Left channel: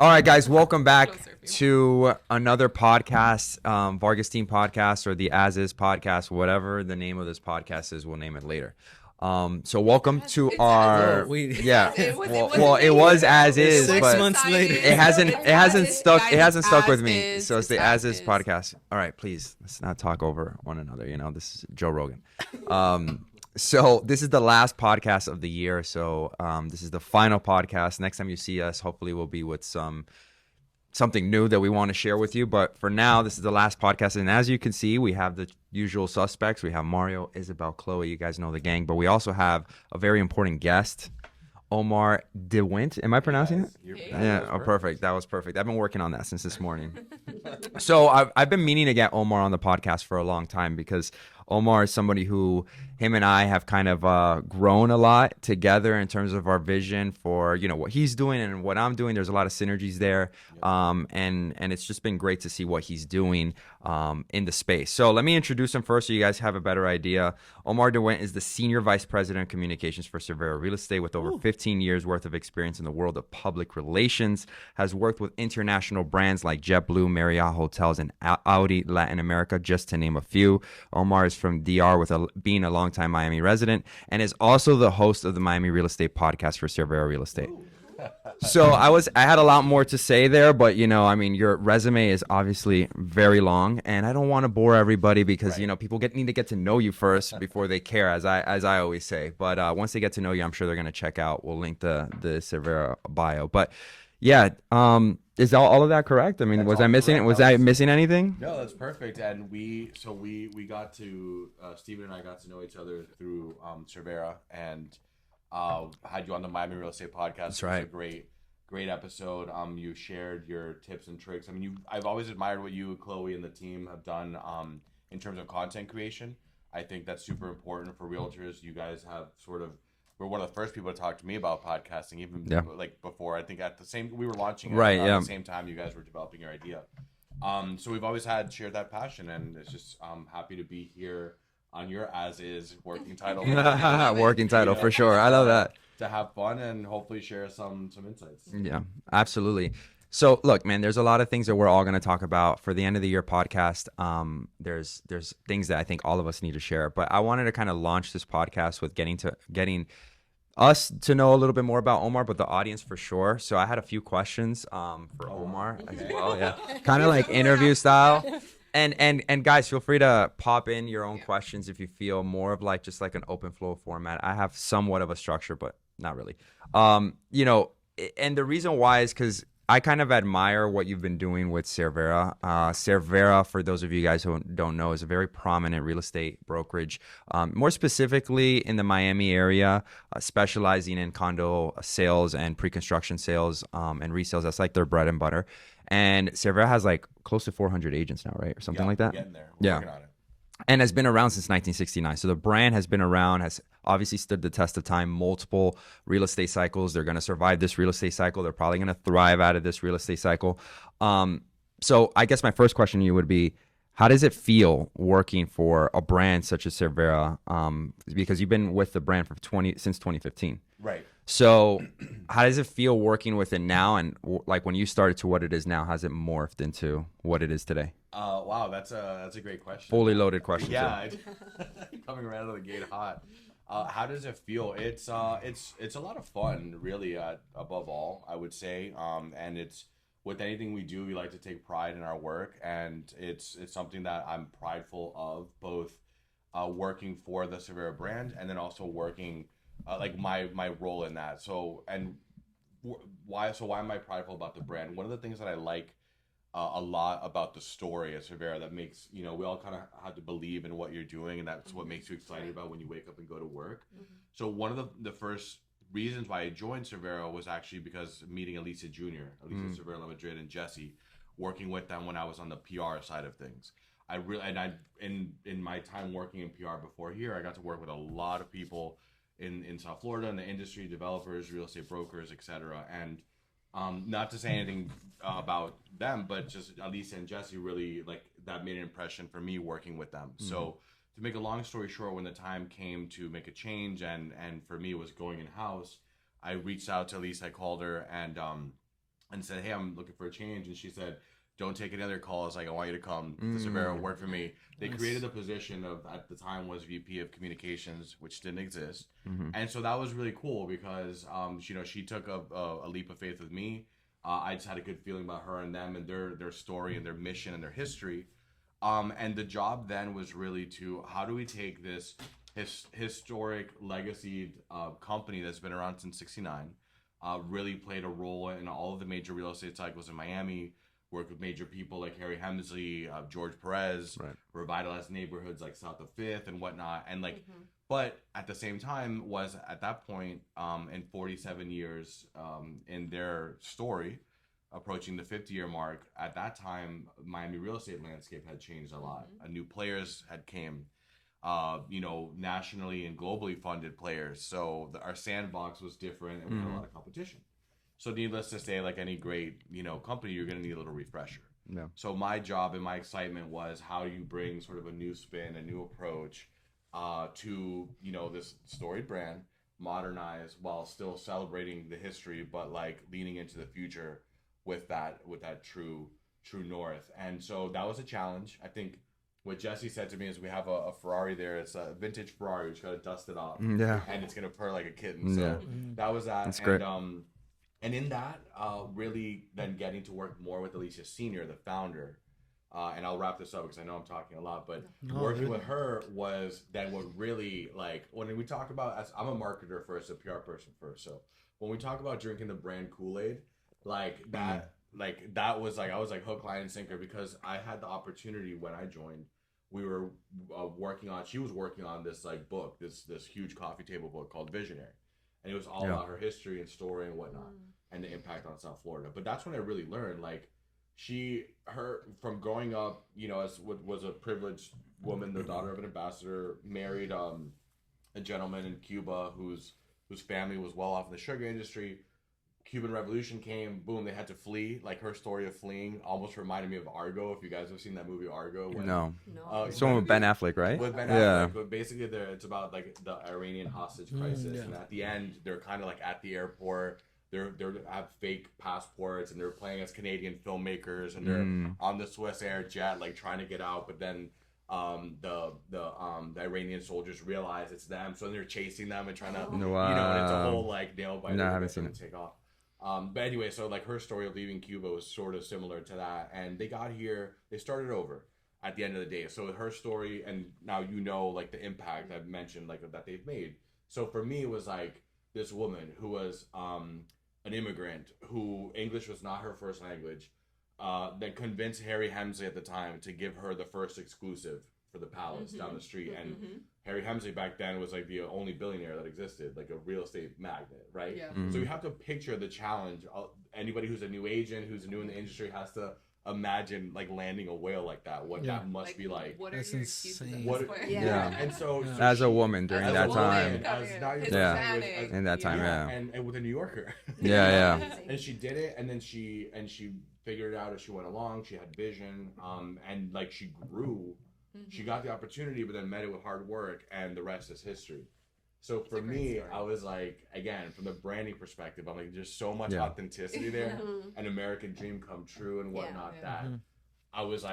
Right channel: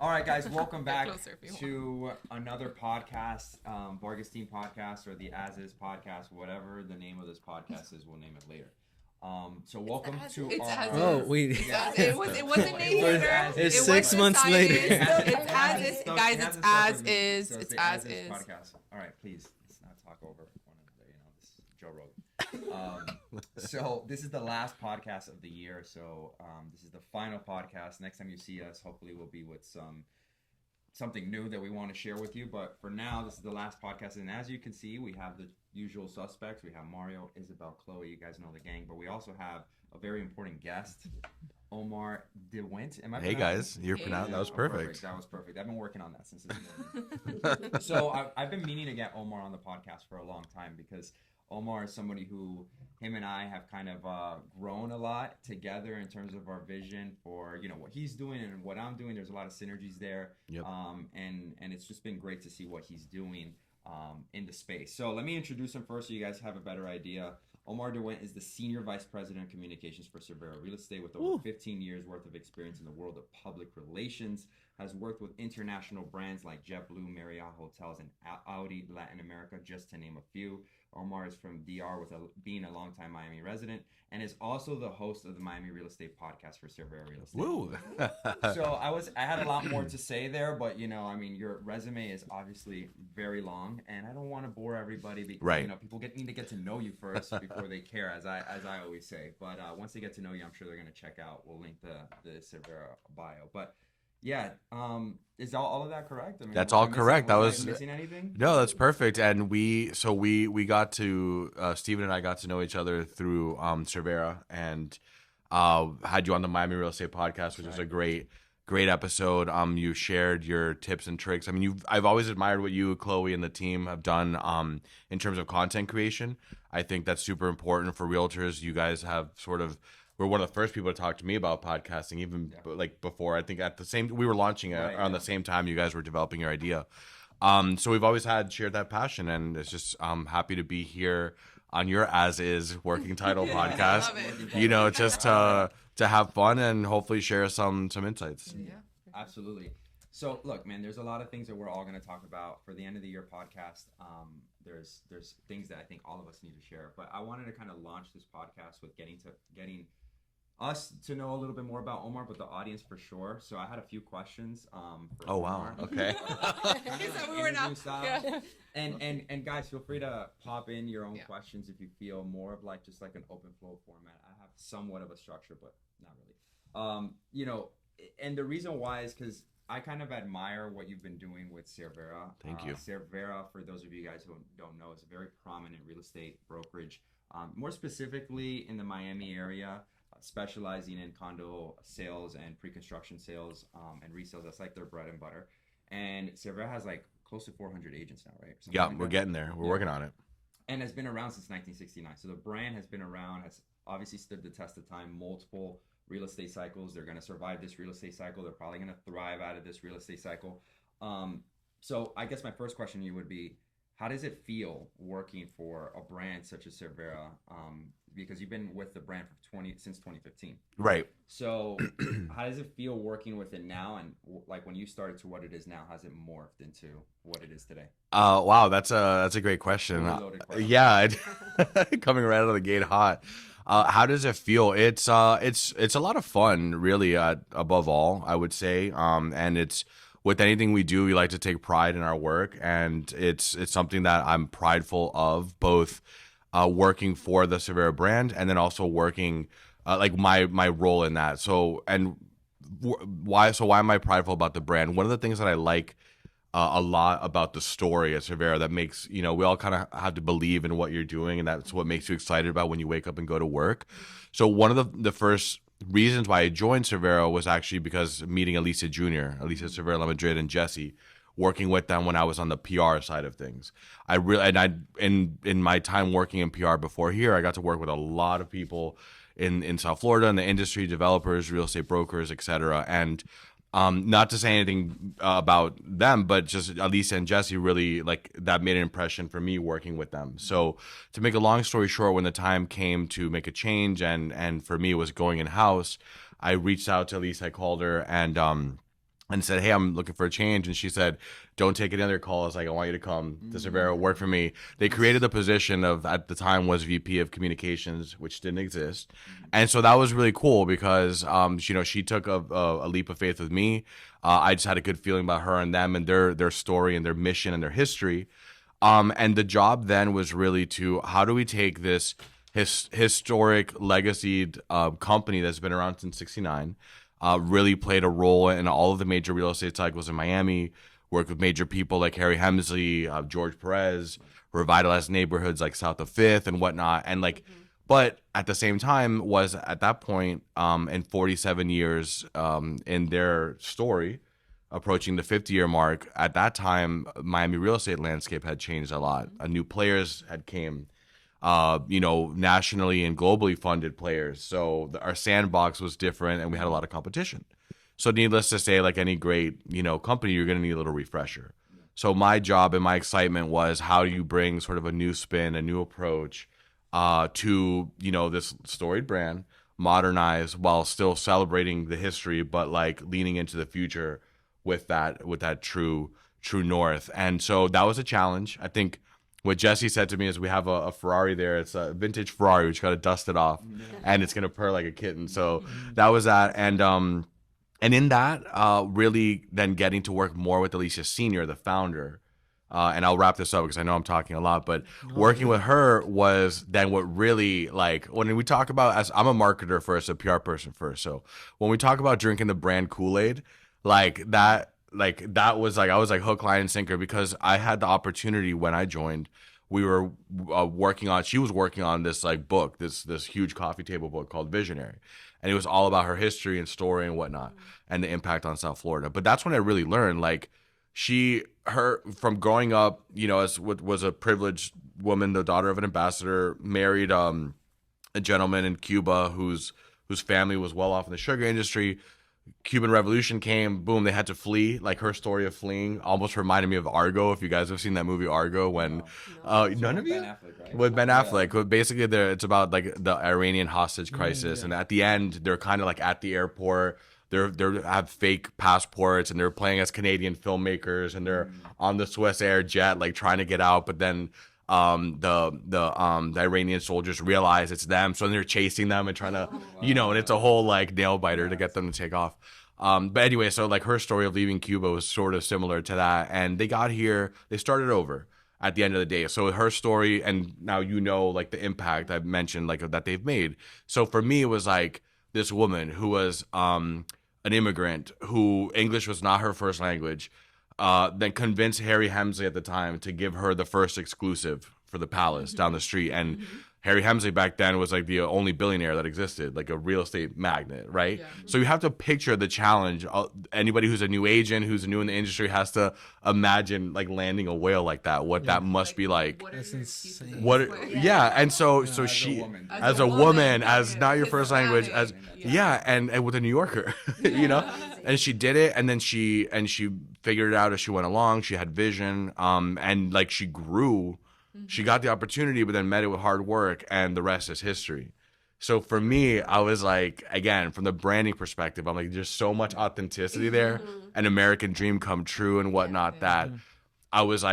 All right, guys, welcome back to another podcast, Vargas Team Podcast, or the As Is Podcast, whatever the name of this podcast is, we'll name it later. So welcome to our it was as is 6 months later. It hasn't stuck with me. So it's the As Is Podcast. All right, please let's not talk over one another. You know, this is Joe Rogan. So this is the last podcast of the year. So this is the final podcast. Next time you see us, hopefully we'll be with something new that we want to share with you. But for now, this is the last podcast. And as you can see, we have the usual suspects. We have Mario, Isabel, Chloe. You guys know the gang. But we also have a very important guest, Omar De Wint. Am I pronouncing it? You're pronouncing it. Perfect. That was perfect. I've been working on that since this morning. So I've been meaning to get Omar on the podcast for a long time because Omar is somebody who him and I have kind of grown a lot together in terms of our vision for, you know, what he's doing and what I'm doing. There's a lot of synergies there. Yep. And it's just been great to see what he's doing in the space. So let me introduce him first so you guys have a better idea. Omar De Wint is the Senior Vice President of Communications for Cervera Real Estate with over 15 years worth of experience in the world of public relations, has worked with international brands like JetBlue, Marriott Hotels, and Audi Latin America, just to name a few. Omar is from DR with being a longtime Miami resident and is also the host of the Miami Real Estate Podcast for Cervera Real Estate. So I had a lot more to say there, but you know, I mean, your resume is obviously very long, and I don't want to bore everybody because you know people need to get to know you first before they care, as I always say. But once they get to know you, I'm sure they're gonna check out. We'll link the Cervera bio. But yeah, is all of that correct? I mean, that's was I missing? Correct. Was I missing anything? No, that's perfect. And we got to Steven and I got to know each other through Cervera and had you on the Miami Real Estate Podcast. That's right. It was a great episode. You shared your tips and tricks. I mean, I've always admired what you, Chloe, and the team have done in terms of content creation. I think that's super important for realtors. You guys have we're one of the first people to talk to me about podcasting, even like before. I think we were launching it the same time you guys were developing your idea. So we've always shared that passion, and it's just happy to be here on your As Is working title podcast. Working title, for sure. I love that. To have fun and hopefully share some insights. Yeah, absolutely. So look, man, there's a lot of things that we're all going to talk about for the end of the year podcast. There's things that I think all of us need to share, but I wanted to kind of launch this podcast with getting us to know a little bit more about Omar, but the audience for sure. So I had a few questions for Omar. Wow. Okay. Oh yeah. Kind of like interview style. And guys, feel free to pop in your own questions if you feel more of like just like an open flow format. I have somewhat of a structure, but not really. You know, and the reason why is because I kind of admire what you've been doing with Cervera. Cervera, for those of you guys who don't know, is a very prominent real estate brokerage, more specifically in the Miami area, specializing in condo sales and pre-construction sales and resales. That's like their bread and butter. And Cervera has like close to 400 agents now, right? Or something like that? We're getting there. We're working on it. And has been around since 1969. So the brand has been around, has obviously stood the test of time, multiple real estate cycles. They're going to survive this real estate cycle. They're probably going to thrive out of this real estate cycle. So I guess my first question to you would be, how does it feel working for a brand such as Cervera? Because you've been with the brand since 2015. Right. So how does it feel working with it now? And like when you started to what it is now, has it morphed into what it is today? Wow, that's a great question. Fully loaded question. Yeah, coming right out of the gate hot. How does it feel? It's a lot of fun, really. Above all, I would say, and it's with anything we do, we like to take pride in our work, and it's something that I'm prideful of, both working for the Cervera brand and then also working like my role in that. So why am I prideful about the brand? One of the things that I like a lot about the story at Cervera that makes, you know, we all kind of have to believe in what you're doing, and that's what makes you excited about when you wake up and go to work. So one of the first reasons why I joined Cervera was actually because meeting Elisa Cervera La Madrid, and Jesse, working with them when I was on the PR side of things. In my time working in PR before here, I got to work with a lot of people in South Florida in the industry, developers, real estate brokers, etc. And not to say anything about them, but just Elisa and Jesse really, like, that made an impression for me working with them. Mm-hmm. So to make a long story short, when the time came to make a change and for me it was going in-house, I reached out to Elisa, I called her, and and said, hey, I'm looking for a change. And she said, don't take any other calls. Like, I want you to come to Cervera, work for me. They created the position of, at the time, was VP of Communications, which didn't exist. And so that was really cool because, she took a leap of faith with me. I just had a good feeling about her and them and their story and their mission and their history. And the job then was really to, how do we take this historic legacy company that's been around since '69, really played a role in all of the major real estate cycles in Miami, worked with major people like Harry Hemsley, George Perez, revitalized neighborhoods like South of Fifth and whatnot. And like, but at the same time was at that point, in 47 years in their story, approaching the 50-year mark, at that time, Miami real estate landscape had changed a lot. New players had came, nationally and globally funded players. So our sandbox was different and we had a lot of competition. So needless to say, like any great, company, you're going to need a little refresher. Yeah. So my job and my excitement was, how do you bring sort of a new spin, a new approach to, this storied brand, modernize while still celebrating the history, but like leaning into the future with that true north. And so that was a challenge. I think what Jesse said to me is, we have a Ferrari there. It's a vintage Ferrari. We just got to dust it off, and it's gonna purr like a kitten. So that was that. That's and in that, really then getting to work more with Alicia Senior, the founder. And I'll wrap this up because I know I'm talking a lot, but working with her was then what really, like, when we talk about, as I'm a marketer first, a PR person first. So when we talk about drinking the brand Kool-Aid, that was like, I was like hook, line, and sinker, because I had the opportunity when I joined. We were she was working on this like book, this huge coffee table book called Visionary. And it was all about her history and story and whatnot, and the impact on South Florida. But that's when I really learned, like, from growing up, as what was a privileged woman, the daughter of an ambassador, married a gentleman in Cuba whose family was well off in the sugar industry. Cuban Revolution came, boom, they had to flee. Like, her story of fleeing almost reminded me of Argo, if you guys have seen that movie Argo. When so with Ben Affleck, right? With Ben Affleck. Basically, it's about like the Iranian hostage crisis, and at the end, they're kind of like at the airport. They have fake passports, and they're playing as Canadian filmmakers, and they're on the Swiss Air jet, like trying to get out, but then the Iranian soldiers realize it's them, so they're chasing them and trying to, and it's a whole like nail biter to get them to take off. But anyway, so like her story of leaving Cuba was sort of similar to that, and they got here, they started over at the end of the day. So her story, and now like the impact I've mentioned, like that they've made. So for me, it was like this woman who was an immigrant, who English was not her first language. Then convinced Harry Hemsley at the time to give her the first exclusive for the Palace down the street. And Harry Hemsley back then was like the only billionaire that existed, like a real estate magnate, right? Yeah. So you have to picture the challenge. Anybody who's a new agent, who's new in the industry, has to imagine like landing a whale like that. What that must be like. That's insane. And so as a woman, as not your first language, as in that time, and with a New Yorker, and she did it, and then she figured it out as she went along. She had vision, and like she grew. She got the opportunity, but then met it with hard work, and the rest is history. So for me, I was like, again, from the branding perspective, I'm like, there's so much authenticity there, an American dream come true and whatnot, that I was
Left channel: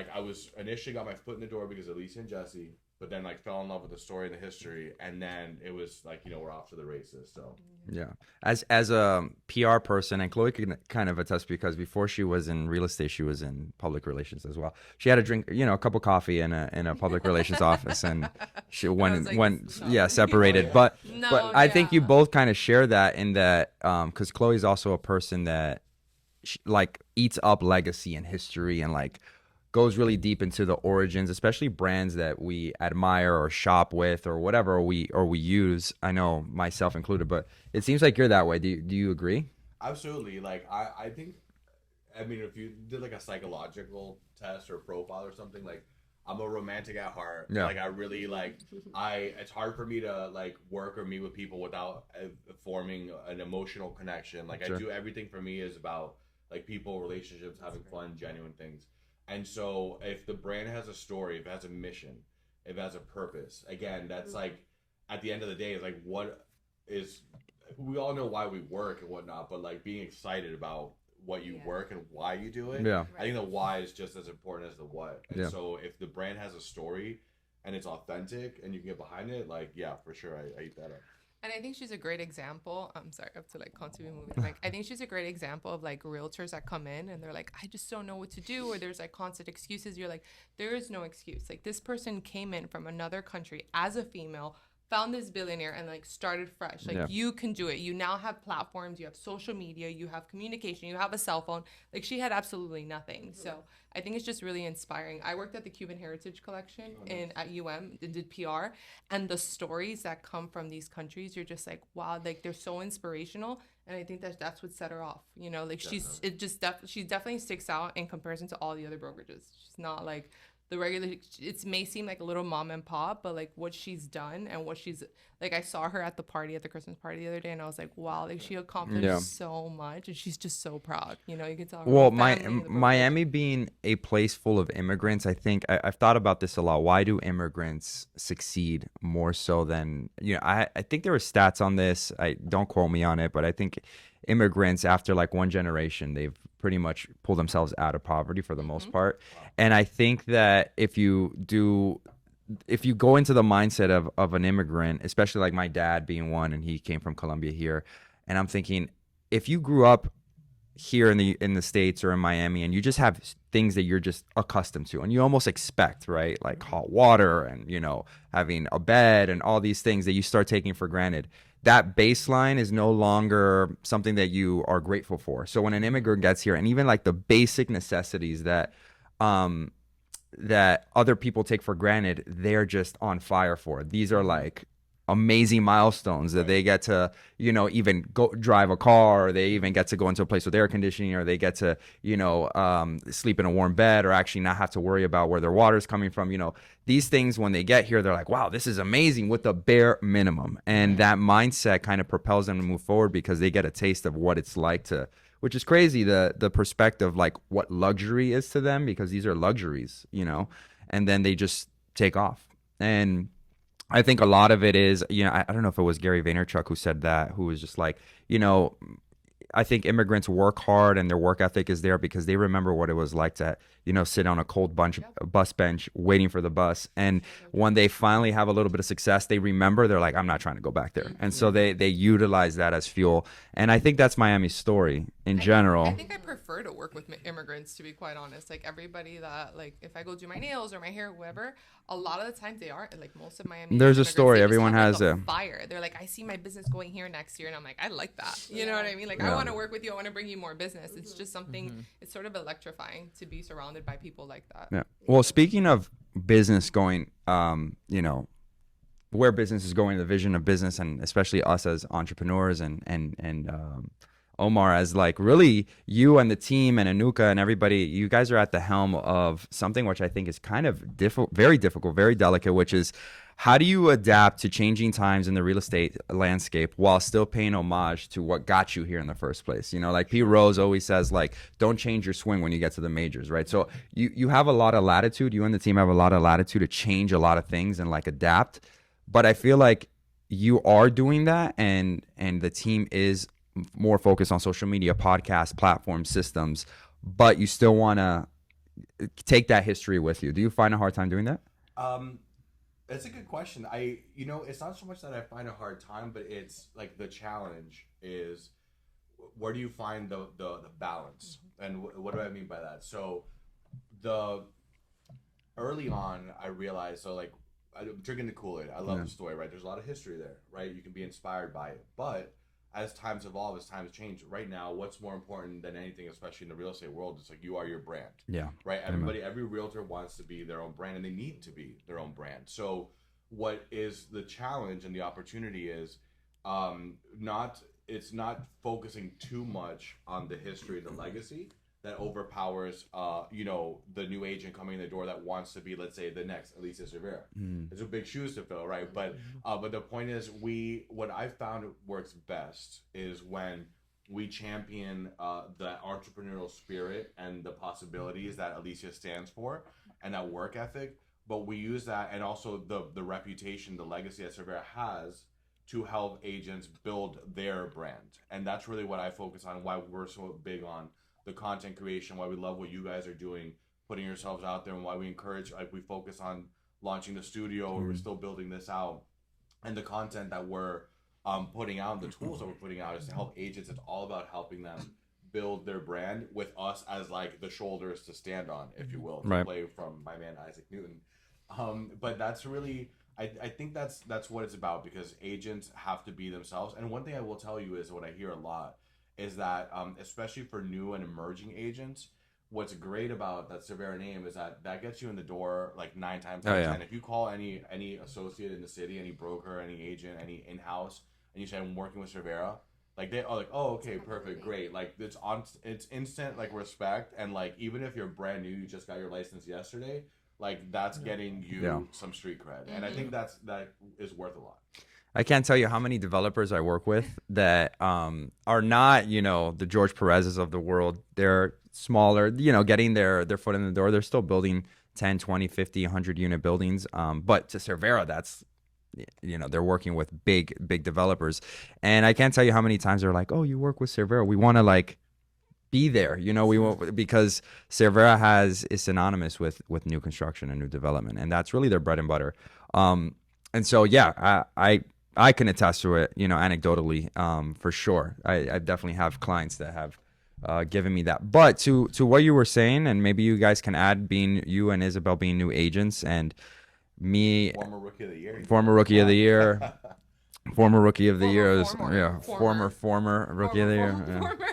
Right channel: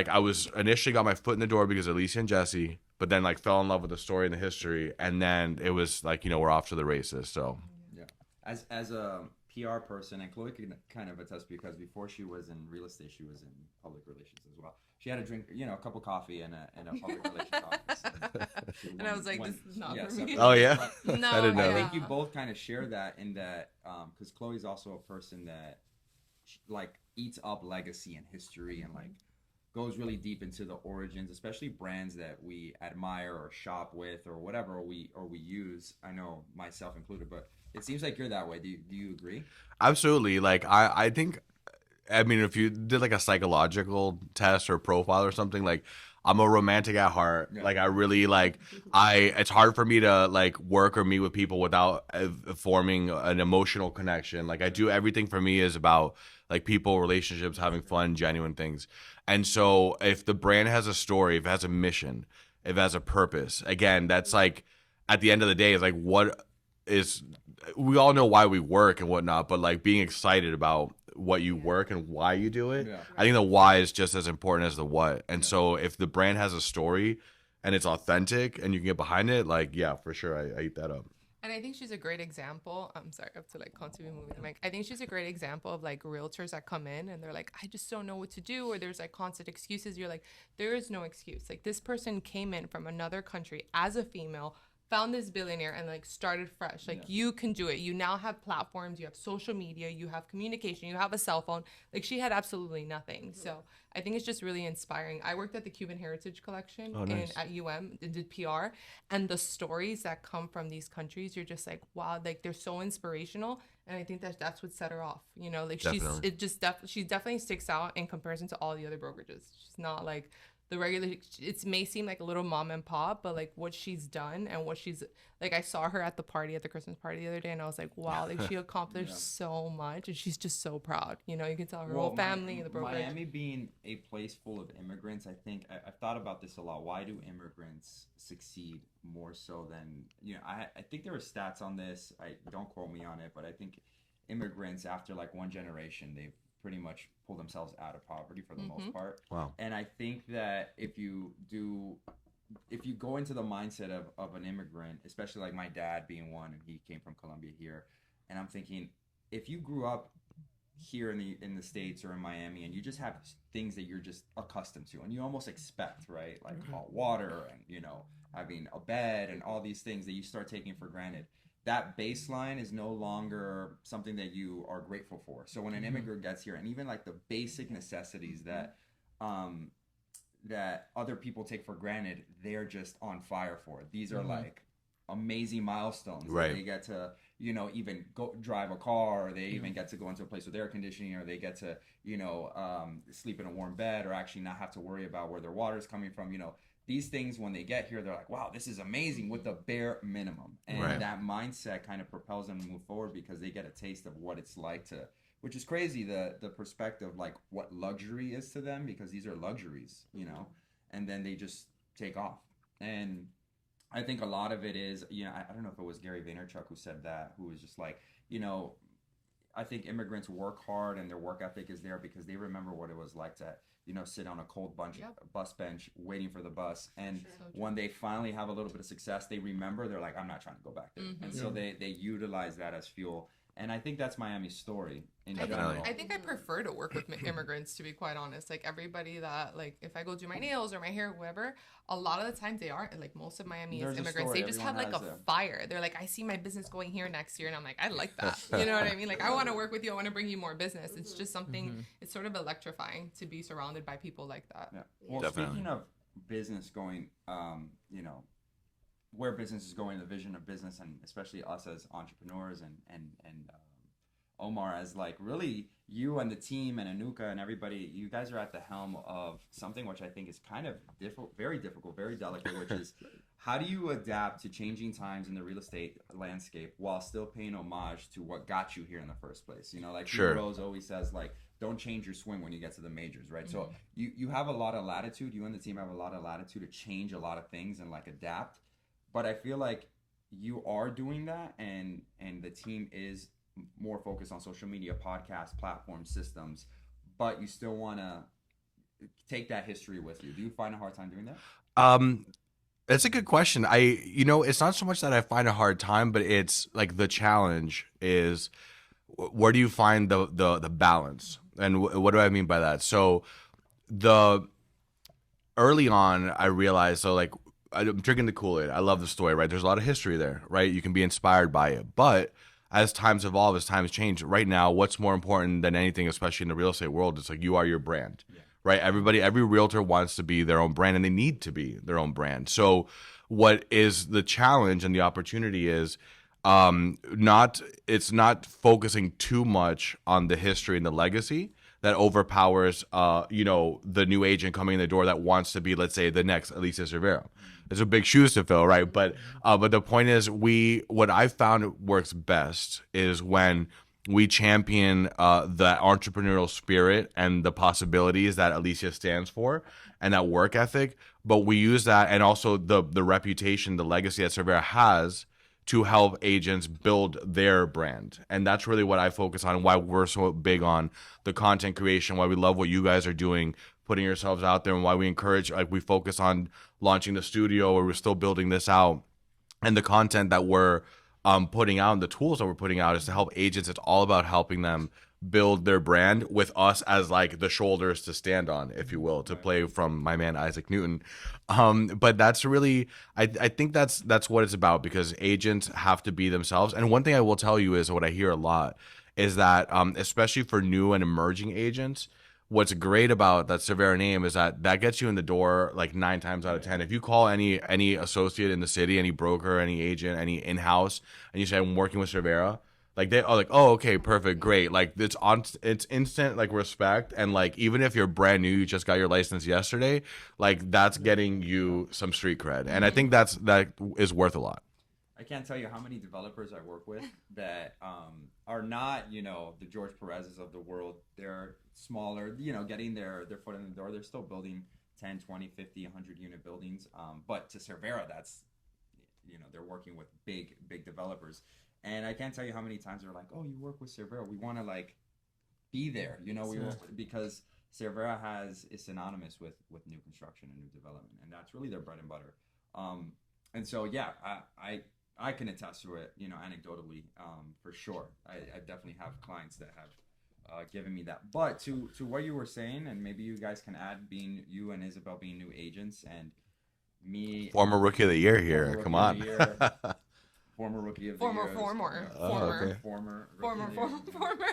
initially got my foot in the door because of Alicia and Jesse, but then like fell in love with the story and the history. And then it was like, we're off to the races. So yeah. As a PR person, and Chloe can kind of attest, because before she was in real estate, she was in public relations as well. She had to drink, a cup of coffee in a public relations office, and she separated. But I think you both kind of share that, in that because Chloe's also a person that like eats up legacy and history, and like goes really deep into the origins, especially brands that we admire or shop with or whatever, or we use. I know, myself included, but it seems like you're that way. Do you agree? Absolutely. Like I think, I mean, if you did like a psychological test or profile or something, like I'm a romantic at heart. Yeah. Like I really it's hard for me to like work or meet with people without forming an emotional connection. Like I do, everything for me is about like people, relationships, having fun, genuine things. And so if the brand has a story, if it has a mission, if it has a purpose, again, that's like, at the end of the day, it's like, we all know why we work and whatnot, but like being excited about what you work and why you do it. Yeah. I think the why is just as important as the what. And Yeah. so if the brand has a story and it's authentic and you can get behind it, like, yeah, for sure, I eat that up. And I think she's a great example. I'm sorry, I have to like continue moving. Like, I think she's a great example of like realtors that come in and they're like, I just don't know what to do, or there's like constant excuses. You're like, there is no excuse. Like, this person came in from another country as a female, found this billionaire, and like started fresh. Like, you can do it. You now have platforms, you have social media, you have communication, you have a cell phone. Like, she had absolutely nothing. So I think it's just really inspiring. I worked at the Cuban Heritage Collection at UM and did PR, and the stories that come from these countries, you're just like, wow, like they're so inspirational. And I think that's what set her off. You know, like she definitely sticks out in comparison to all the other brokerages. She's not like the regular. It may seem like a little mom and pop, but like what she's done and what she's like, I saw her at the Christmas party the other day, and I was like, wow, like she accomplished so much, and she's just so proud. You know, you can tell her whole family. Miami being a place full of immigrants, I think I've thought about this a lot. Why do immigrants succeed more so than, you know, I think there were stats on this. I don't quote me on it, but I think immigrants after like one generation, they've pretty much pulled themselves out of poverty for the most part. Wow. And I think that if you go into the mindset of an immigrant, especially like my dad being one, and he came from Colombia here, and I'm thinking, if you grew up here in the States or in Miami, and you just have things that you're just accustomed to and you almost expect, right? Like hot water and, you know, having a bed and all these things that you start taking for granted. That baseline is no longer something that you are grateful for. So when an immigrant gets here, and even like the basic necessities that other people take for granted, they're just on fire for. These are like amazing milestones that they get to, you know, even go drive a car, or they even get to go into a place with air conditioning, or they get to, you know, sleep in a warm bed, or actually not have to worry about where their water's coming from. You know, these things, when they get here, they're like, wow, this is amazing, with the bare minimum. And that mindset kind of propels them to move forward, because they get a taste of what it's like to, which is crazy, the perspective, like what luxury is to them, because these are luxuries, you know, and then they just take off. And I think a lot of it is, you know, I don't know if it was Gary Vaynerchuk who said that, who was just like, you know, I think immigrants work hard and their work ethic is there because they remember what it was like to, you know, sit on a cold bus bench waiting for the bus. And when they finally have a little bit of success, they remember, they're like, I'm not trying to go back there. And so they utilize that as fuel. And I think that's Miami's story in general. I think I prefer to work with immigrants, to be quite honest. Like, everybody that, like, if I go do my nails or my hair, whatever, a lot of the times they are, like, most of Miami. There's a story. Everyone has a fire. They're like, I see my business going here next year, and I'm like, I like that. You know what I mean? Like, I want to work with you. I want to bring you more business. It's just something. It's sort of electrifying to be surrounded by people like that. Yeah. Well, speaking of business going, you know, where business is going, the vision of business, and especially us as entrepreneurs, and Omar, as like really you and the team and Anuka and everybody, you guys are at the helm of something which I think is kind of very difficult, very delicate, which is, how do you adapt to changing times in the real estate landscape while still paying homage to what got you here in the first place? You know, like Pete Rose always says, like, don't change your swing when you get to the majors, right? So you have a lot of latitude. You and the team have a lot of latitude to change a lot of things and like adapt. But I feel like you are doing that, and the team is more focused on social media, podcasts, platforms, systems, but you still want to take that history with you. Do you find a hard time doing that? That's a good question. You know, it's not so much that I find a hard time, but it's like the challenge is, where do you find the balance? And what do I mean by that? So early on, I realized, so like, I'm drinking the Kool-Aid. I love the story, right? There's a lot of history there, right? You can be inspired by it. But as times evolve, as times change, right now, what's more important than anything, especially in the real estate world, it's like, you are your brand. Yeah. Right? Everybody, every realtor wants to be their own brand, and they need to be their own brand. So what is the challenge and the opportunity is, it's not focusing too much on the history and the legacy that overpowers, you know, the new agent coming in the door that wants to be, let's say, the next Alicia Cervera. There's a big shoes to fill, right? But the point is, what I found works best is when we champion the entrepreneurial spirit and the possibilities that Alicia stands for, and that work ethic. But we use that, and also the reputation, the legacy that Cervera has, to help agents build their brand. And that's really what I focus on, why we're so big on the content creation, why we love what you guys are doing, putting yourselves out there, and why we encourage, like, we focus on launching the studio, where we're still building this out. And the content that we're putting out and the tools that we're putting out is to help agents. It's all about helping them build their brand with us as like the shoulders to stand on, if you will, to play from my man Isaac Newton. But that's really, I think that's what it's about, because agents have to be themselves. And one thing I will tell you is, what I hear a lot is that, especially for new and emerging agents, what's great about that Cervera name is that gets you in the door like 9 times out of 10. If you call any associate in the city, any broker, any agent, any in-house, and you say, I'm working with Cervera, like, they are like, oh, okay, perfect, great. Like, it's instant, like, respect. And like, even if you're brand new, you just got your license yesterday, like, that's getting you some street cred. And I think that is worth a lot. I can't tell you how many developers I work with that are not, the George Perez's of the world. They're smaller, getting their foot in the door. They're still building 10, 20, 50, 100 unit buildings. But to Cervera, that's, they're working with big developers. And I can't tell you how many times they're like, oh, you work with Cervera. We want to like be there, we want, because Cervera is synonymous with new construction and new development. And that's really their bread and butter. And so, yeah, I can attest to it, anecdotally, for sure. I definitely have clients that have given me that. But to what you were saying, and maybe you guys can add, being you and Isabel being new agents, and me, former rookie of the year here. Former rookie of the year. Former rookie of the year. Former Rookie of the year.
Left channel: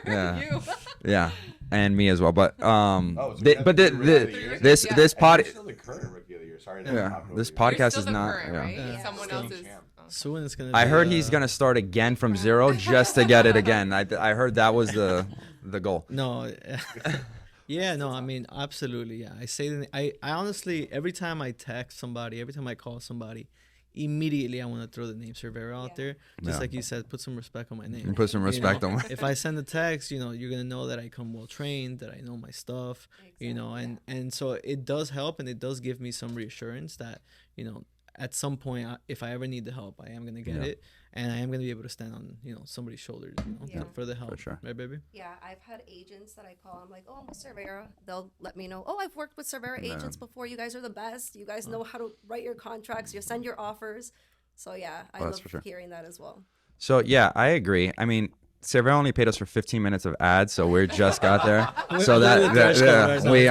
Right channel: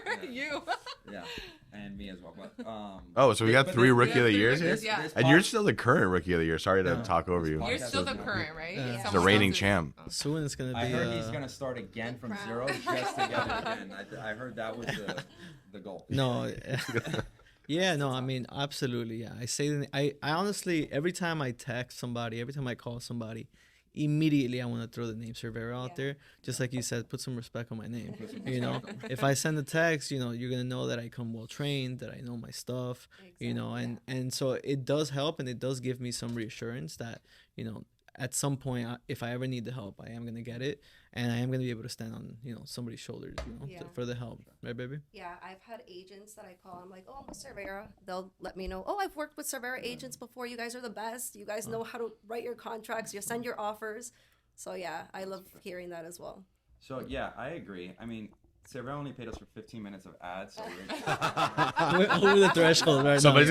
Yeah. You. Yeah. And me as well. But so we got 3 rookie of the years. This and you're still the current rookie of the year. Sorry to talk over this you. podcast You're still is the not current, right? Yeah. The reigning champ. Soon it's gonna be, I heard he's gonna start again from zero just to get it again. I heard that was the goal. No. Yeah, no, I mean, absolutely. Yeah, I honestly, every time I text somebody, every time I call somebody, immediately I want to throw the name Cervera out there. Just like you said, put some respect on my name. Put some respect on. If I send a text, you're gonna know that I come well trained, that I know my stuff, and so it does help, and it does give me some reassurance that at some point, if I ever need the help, I am gonna get it, and I am gonna be able to stand on somebody's shoulders, for the help. Sure. Right, baby? Yeah, I've had agents that I call. I'm like, oh, I'm with Cervera. They'll let me know. Oh, I've worked with Cervera agents before. You guys are the best. You guys know how to write your contracts. You send your offers. So yeah, I love hearing that as well. So yeah, I agree. I mean, Cervera only paid us for 15 minutes of ads, so we just got there. So we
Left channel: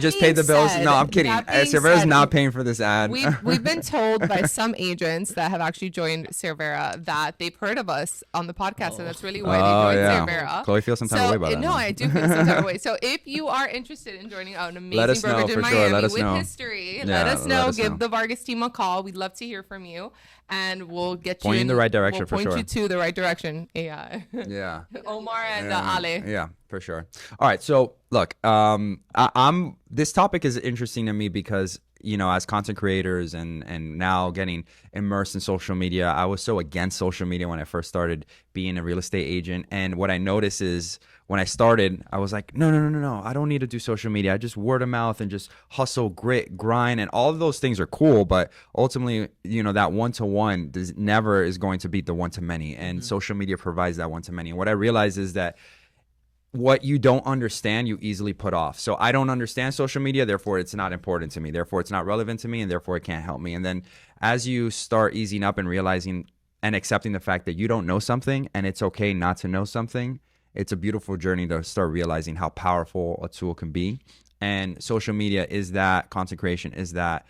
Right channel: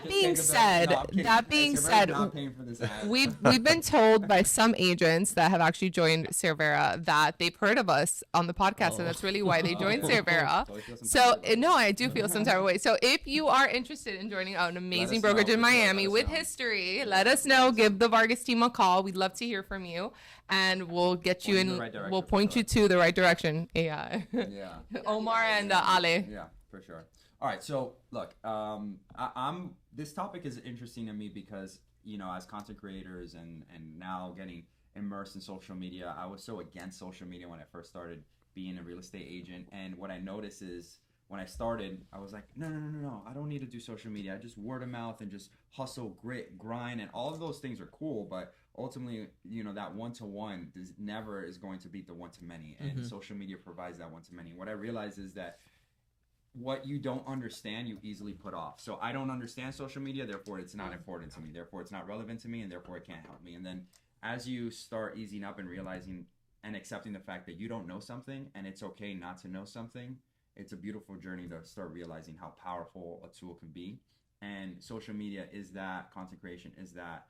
just paid the bills. No, I'm kidding. Cervera's not paying for this ad. We've been told by some agents that have actually joined Cervera that they've heard of us on the podcast, and that's really why they joined Cervera. Chloe feels some type of way about that. No, I do feel some type of way. So if you are interested in joining an amazing brokerage in Miami with history, let us know. Give the Vargas team a call. We'd love to hear from you, and we'll get you in the right direction. We'll point you to the right direction. Yeah. Omar and Ale. Yeah, for sure. All right. So look, this topic is interesting to me because, as content creators and now getting immersed in social media, I was so against social media when I first started being a real estate agent. And what I noticed is, when I started, I was like, no. I don't need to do social media. I just word of mouth and just hustle, grit, grind, and all of those things are cool. But ultimately, that one-to-one never is going to beat the one-to-many. And social media provides that one-to-many. And what I realized is that what you don't understand, you easily put off. So I don't understand social media, therefore it's not important to me. Therefore it's not relevant to me, and therefore it can't help me. And then as you start easing up and realizing and accepting the fact that you don't know something and it's okay not to know something, it's a beautiful journey to start realizing how powerful a tool can be. And social media is that, content creation is that.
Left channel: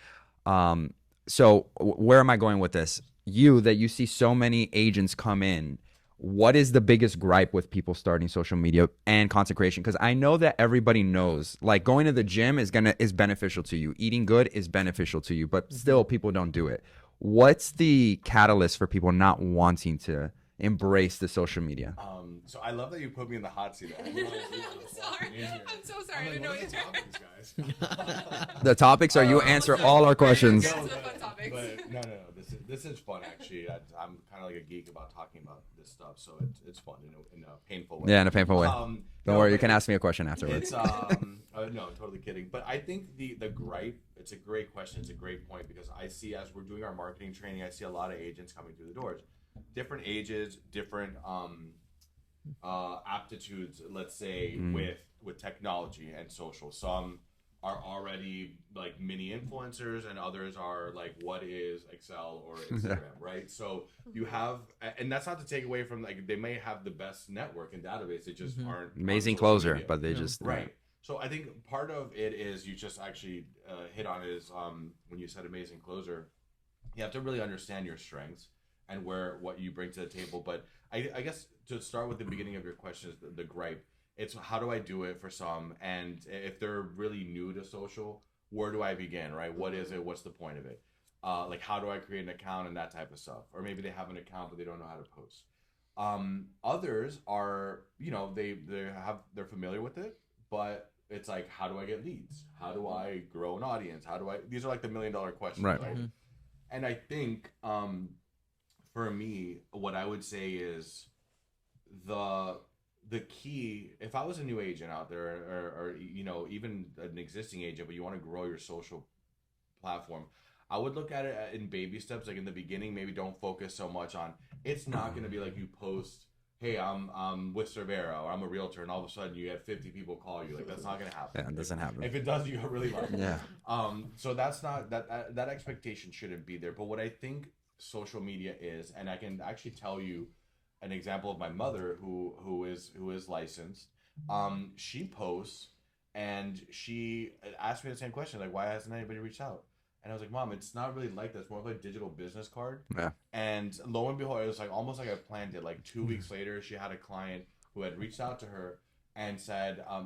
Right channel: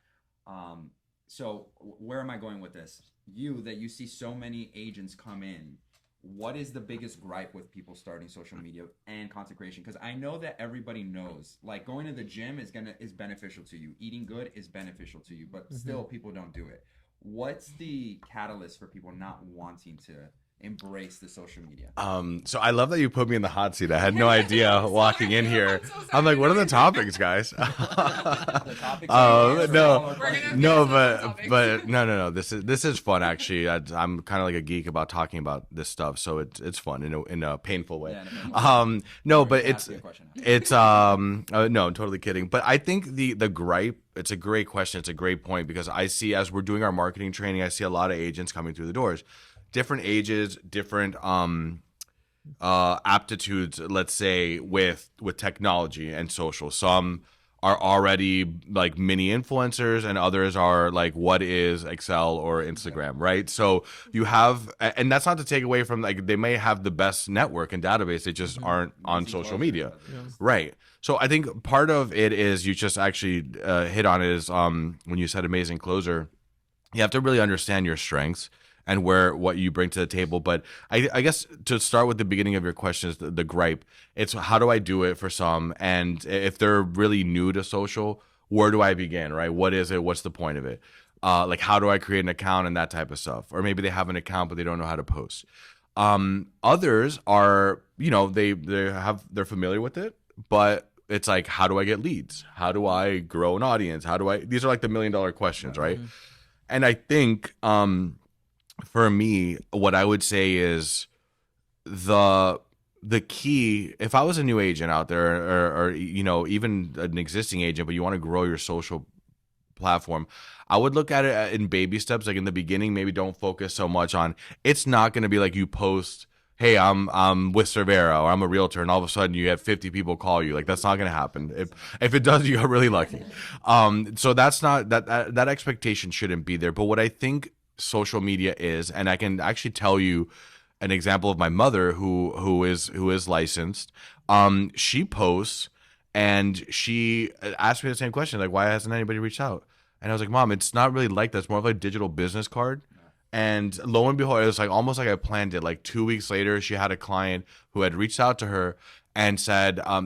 So where am I going with this? You see so many agents come in. What is the biggest gripe with people starting social media and content creation? Because I know that everybody knows, like, going to the gym is beneficial to you. Eating good is beneficial to you, but still people don't do it. What's the catalyst for people not wanting to embrace the social media? So I love that you put me in the hot seat. I had no idea walking in here. I'm like, what are the topics, guys? The topics are you answer all our questions. No, but no. This is fun actually. I'm kind of like a geek about talking about this stuff, so it's fun in a painful way. Yeah, in a painful way. No, but but you can ask me a question after. It's no, I'm totally kidding. But I think the gripe. It's a great question. It's a great point because I see as we're doing our marketing training, I see a lot of agents coming through the doors, different ages, different aptitudes. Let's say with technology and social. Some are already like mini influencers, and others are like, what is Excel or Instagram, right? So you have, and that's not to take away from like they may have the best network and database. They just aren't Amazing on social closer, media, but they just right. So I think part of it is you just actually hit on it is when you said amazing closer, you have to really understand your strengths and what you bring to the table. But I guess to start with the beginning of your question is the gripe. It's how do I do it for some? And if they're really new to social, where do I begin, right? What is it? What's the point of it? Like how do I create an account and that type of stuff? Or maybe they have an account, but they don't know how to post. Others are, they're familiar with it, but it's like, how do I get leads? How do I grow an audience? These are like the $1 million questions, right? Mm-hmm. And I think for me, what I would say is the key, if I was a new agent out there or even an existing agent, but you want to grow your social platform, I would look at it in baby steps. Like in the beginning, maybe don't focus so much on, it's not going to be like you post, hey, I'm with Cervera or I'm a realtor, and all of a sudden you have 50 people call you. Like that's not going to happen. If it does, you got really lucky. Yeah. So that's not that expectation shouldn't be there. But what I think social media is, and I can actually tell you an example of my mother who is licensed. She posts and she asked me the same question, like, why hasn't anybody reached out? And I was like, Mom, it's not really like that. It's more of like a digital business card. Yeah. And lo and behold, it was like almost like I planned it. Like 2 weeks later, she had a client who had reached out to her and said, I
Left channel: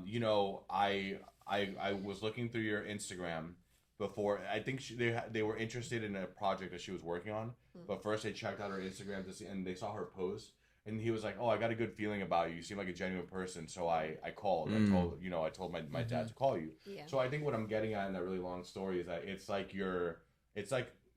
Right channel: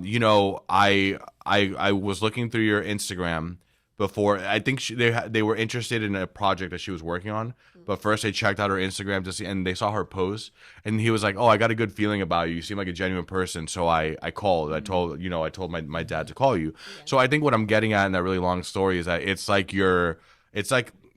was looking through your Instagram before. I think they were interested in a project that she was working on. But first they checked out her Instagram to see, and they saw her post. And he was like, oh, I got a good feeling about you. You seem like a genuine person. So I called. I told my dad to call you. Yeah. So I think what I'm getting at in that really long story is that it's like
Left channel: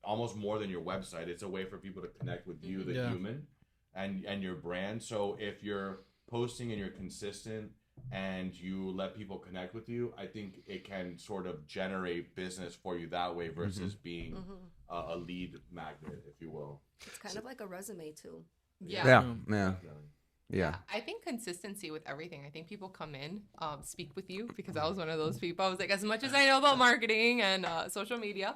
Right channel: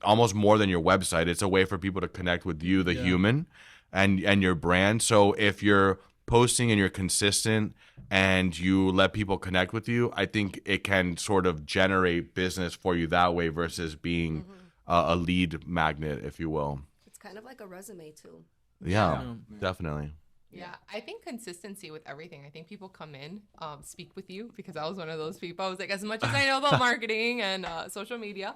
almost more than your website. It's a way for people to connect with you, the human, and your brand. So if you're posting and you're consistent and you let people connect with you, I think it can sort of generate business for you that way versus being a lead magnet, if you will. It's kind of like a resume too. Yeah. Definitely. Yeah, I think consistency with everything. I think people come in, speak with you, because I was one of those people. I was like, as much as I know about marketing and social media,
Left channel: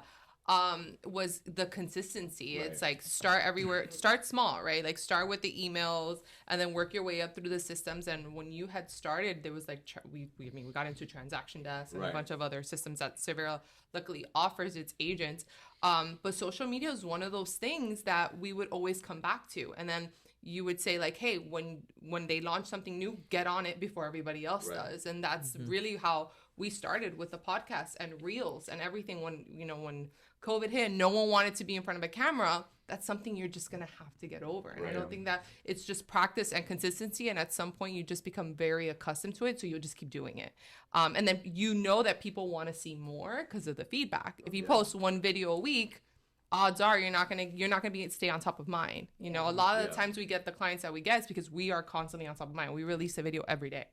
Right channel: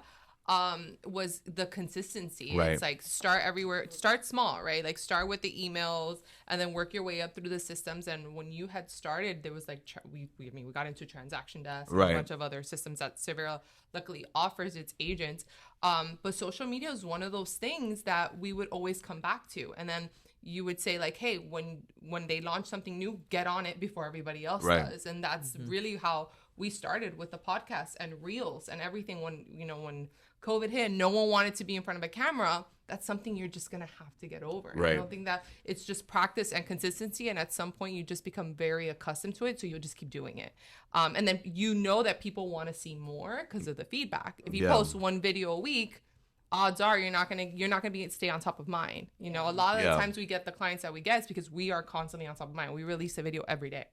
was the consistency. Right. It's like start everywhere, start small, right? Like start with the emails and then work your way up through the systems. And when you had started, there was like, we got into transaction desk and a bunch of other systems that Cervera luckily offers its agents. But social media is one of those things that we would always come back to. And then you would say like, hey, when they launch something new, get on it before everybody else does. And that's really how we started with the podcast and reels and everything. When COVID hit, no one wanted to be in front of a camera. That's something you're just going to have to get over. And I don't think that it's just practice and consistency. And at some point you just become very accustomed to it. So you'll just keep doing it. And then that people want to see more because of the feedback. If you post one video a week, odds are you're not gonna stay on top of mind. A lot of the times we get the clients that we get is because we are constantly on top of mind. We release a video every day.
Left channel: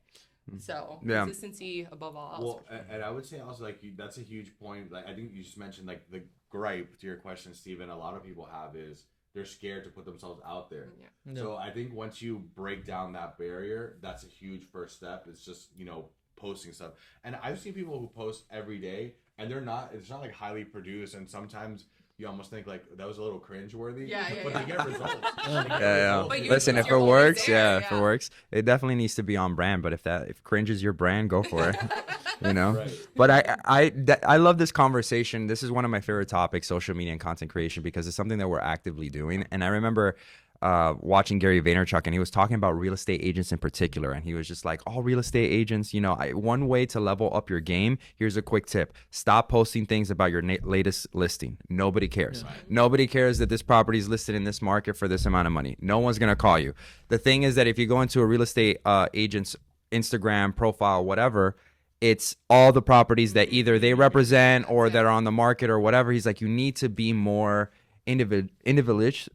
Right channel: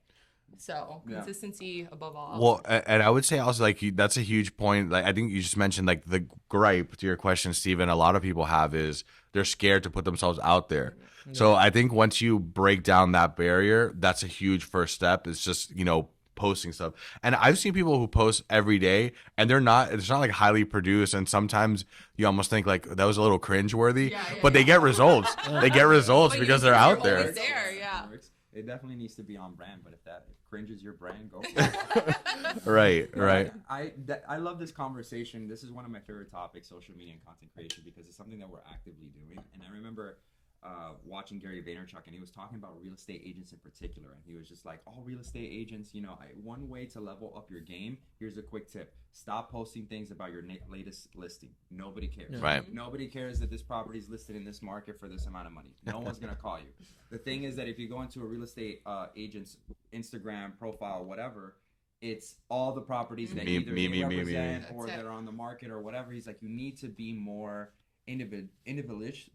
So consistency above all else. Well, and I would say also like that's a huge point. Like I think you just mentioned like the gripe to your question, Steven, a lot of people have is they're scared to put themselves out there. Yeah. So I think once you break down that barrier, that's a huge first step. It's just, posting stuff. And I've seen people who post every day and it's not like highly produced, and sometimes you almost think like that was a little cringeworthy, but they get results. They get results because they're out there. If it works, it definitely needs to be on brand. But if cringe is your brand, go for it. Right. But I love this conversation. This is one of my favorite topics, social media and content creation, because it's something that we're actively doing. And I remember watching Gary Vaynerchuk, and he was talking about real estate agents in particular, and he was just like, all real estate agents, you know, one way to level up your game, here's a quick tip: stop posting things about your latest listing. Nobody cares. Right. Nobody cares that this property is listed in this market for this amount of money. No one's gonna call you. The thing is that if you go into a real estate agent's Instagram profile, whatever, it's all the properties that either they represent or that are on the market or whatever. He's like, you need to be more individual.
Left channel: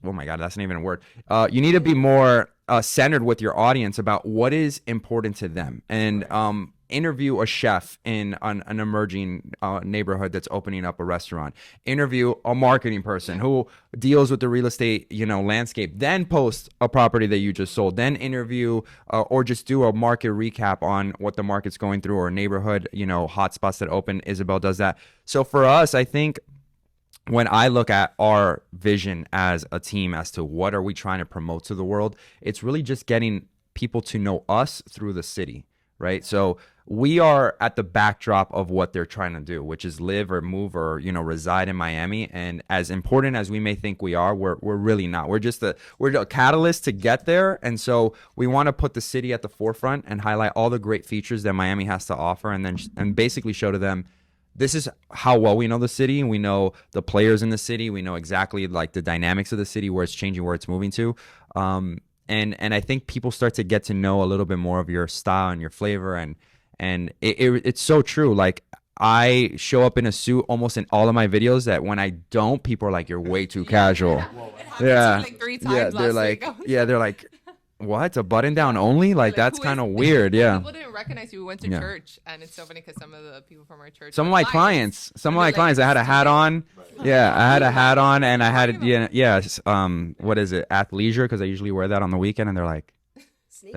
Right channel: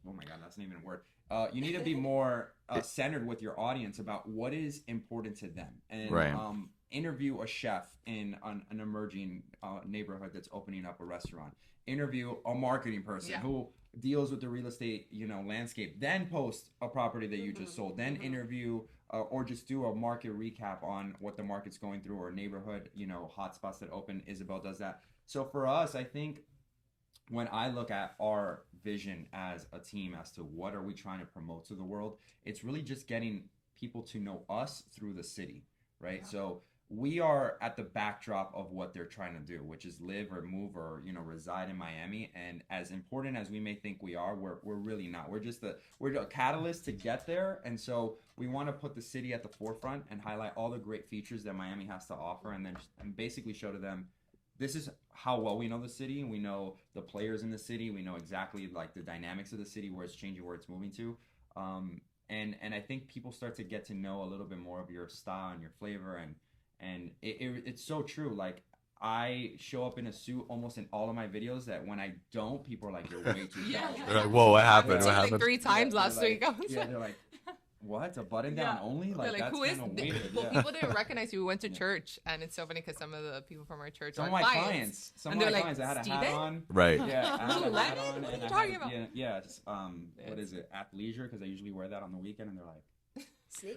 Oh my God, that's not even a word. You need to be more centered with your audience about what is important to them, and interview a chef in an emerging neighborhood that's opening up a restaurant. Interview a marketing person who deals with the real estate, you know, landscape. Then post a property that you just sold. Then interview or just do a market recap on what the market's going through, or neighborhood, you know, hotspots that open. Isabel does that. So for us, I think, when I look at our vision as a team as to what are we trying to promote to the world, it's really just getting people to know us through the city, right? So we are at the backdrop of what they're trying to do, which is live or move or, you know, reside in Miami. And as important as we may think we are, we're really not. We're just we're a catalyst to get there. And so we want to put the city at the forefront and highlight all the great features that Miami has to offer, and basically show to them, this is how well we know the city, and we know the players in the city. We know exactly like the dynamics of the city, where it's changing, where it's moving to. And I think people start to get to know a little bit more of your style and your flavor. And it's so true. Like, I show up in a suit almost in all of my videos, that when I don't, people are like, you're way too casual. Like, whoa, what happened? Yeah. Like 3 times last week. They're like, what? A button down only? Like, that's kind of weird. Yeah. People didn't recognize you. We went to church, and it's so funny because some of the people from our church, some of my clients, I had a hat on. Right. Yeah, I had a hat on, and I had what is it? Athleisure, because I usually wear that on the weekend, and they're like.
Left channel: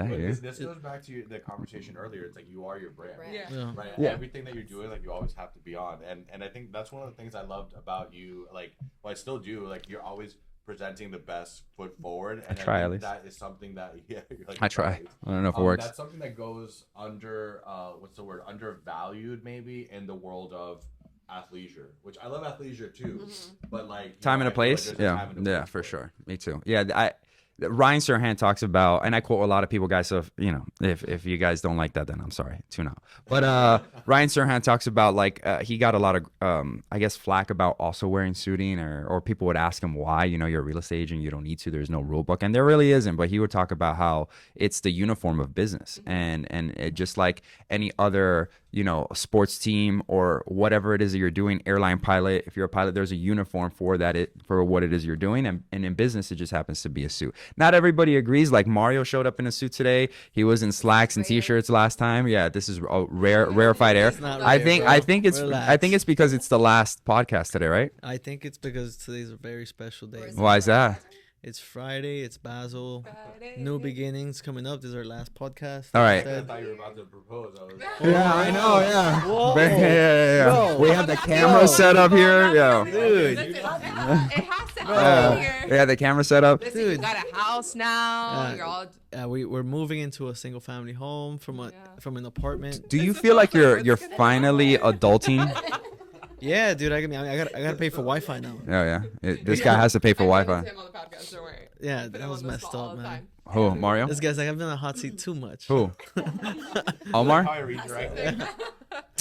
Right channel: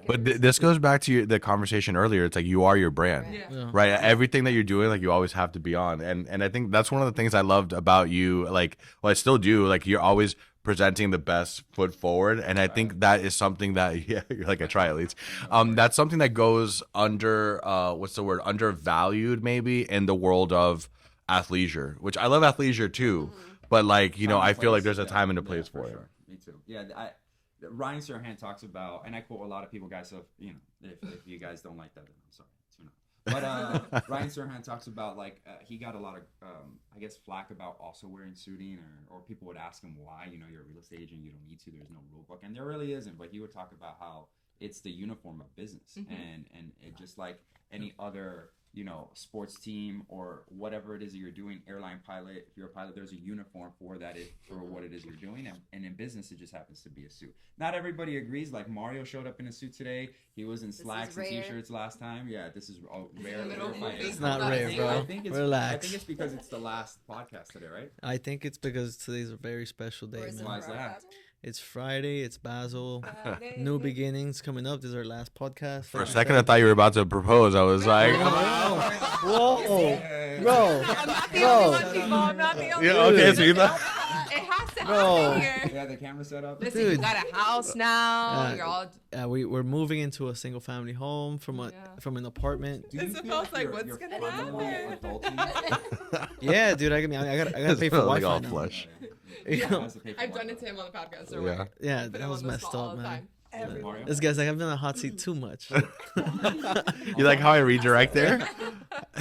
But this goes back to the conversation earlier. It's like, you are your brand, right? Yeah. Everything that you're doing, like, you always have to be on. And I think that's one of the things I loved about you. Like, well, I still do. Like, you're always presenting the best foot forward, and I think that is something that you're like a triathlete. That's something that goes under undervalued maybe in the world of athleisure, which I love athleisure too, but like, you know, I feel like there's a time and a place for sure. Me too. Yeah, Ryan Serhant talks about, and I quote a lot of people, guys, so you know, if you guys don't like that, then I'm sorry, tune out. But Ryan Serhant talks about, like, he got a lot of I guess flack about also wearing suiting, or people would ask him why, you know, you're a real estate agent, you don't need to, there's no rule book, and there really isn't. But he would talk about how it's the uniform of business, and it just like any other, you know, sports team or whatever it is that you're doing, airline pilot, if you're a pilot, there's a uniform for what it is you're doing. And in business, it just happens to be a suit. Not everybody agrees. Like, Mario showed up in a suit today. He was in slacks and t-shirts last time. Yeah, this is a rarefied air. I think it's because it's the last podcast today, right? I think it's because today's a very special day. Why is that? It's Friday. It's Basil. New beginnings coming up. This is our last podcast. All right. A second, I thought you were about to propose. I was like, Whoa. Yeah. Bro, we have the camera set up here. Yeah. Okay, so you know. It has to happen here. Yeah, the camera set up. Listen, you got a house now. You're all. We're moving into a single family home from an apartment. Do you feel like you're finally adulting? Yeah, dude. I gotta pay for Wi-Fi now. Yeah. This guy has to pay for Wi-Fi. Him on the podcast, don't worry. Yeah, that was messed up, man. Oh, Mario? This guy's like, I've been in a hot seat too much. Who? You like how I redirect there?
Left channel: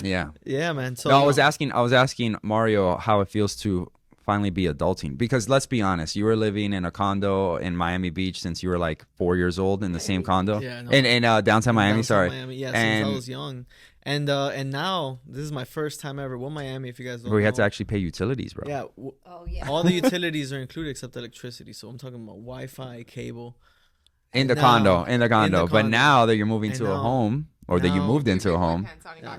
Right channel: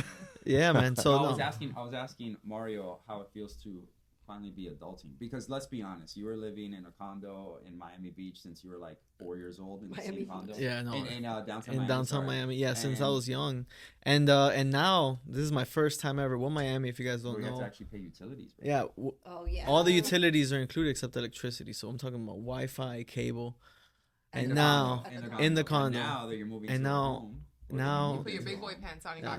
Yeah. Yeah, man. So I was asking Mario how it feels to finally be adulting, because let's be honest, you were living in a condo in Miami Beach since you were like 4 years old in the same condo. Yeah, no. In downtown Miami. Miami, yeah, since I was young, and now this is my first time ever with Miami. If you guys don't know, we had to actually pay utilities, bro. Yeah. All the utilities are included except electricity. So I'm talking about Wi-Fi, cable. In the condo. But now that you're moving to a home, or that you moved into a home,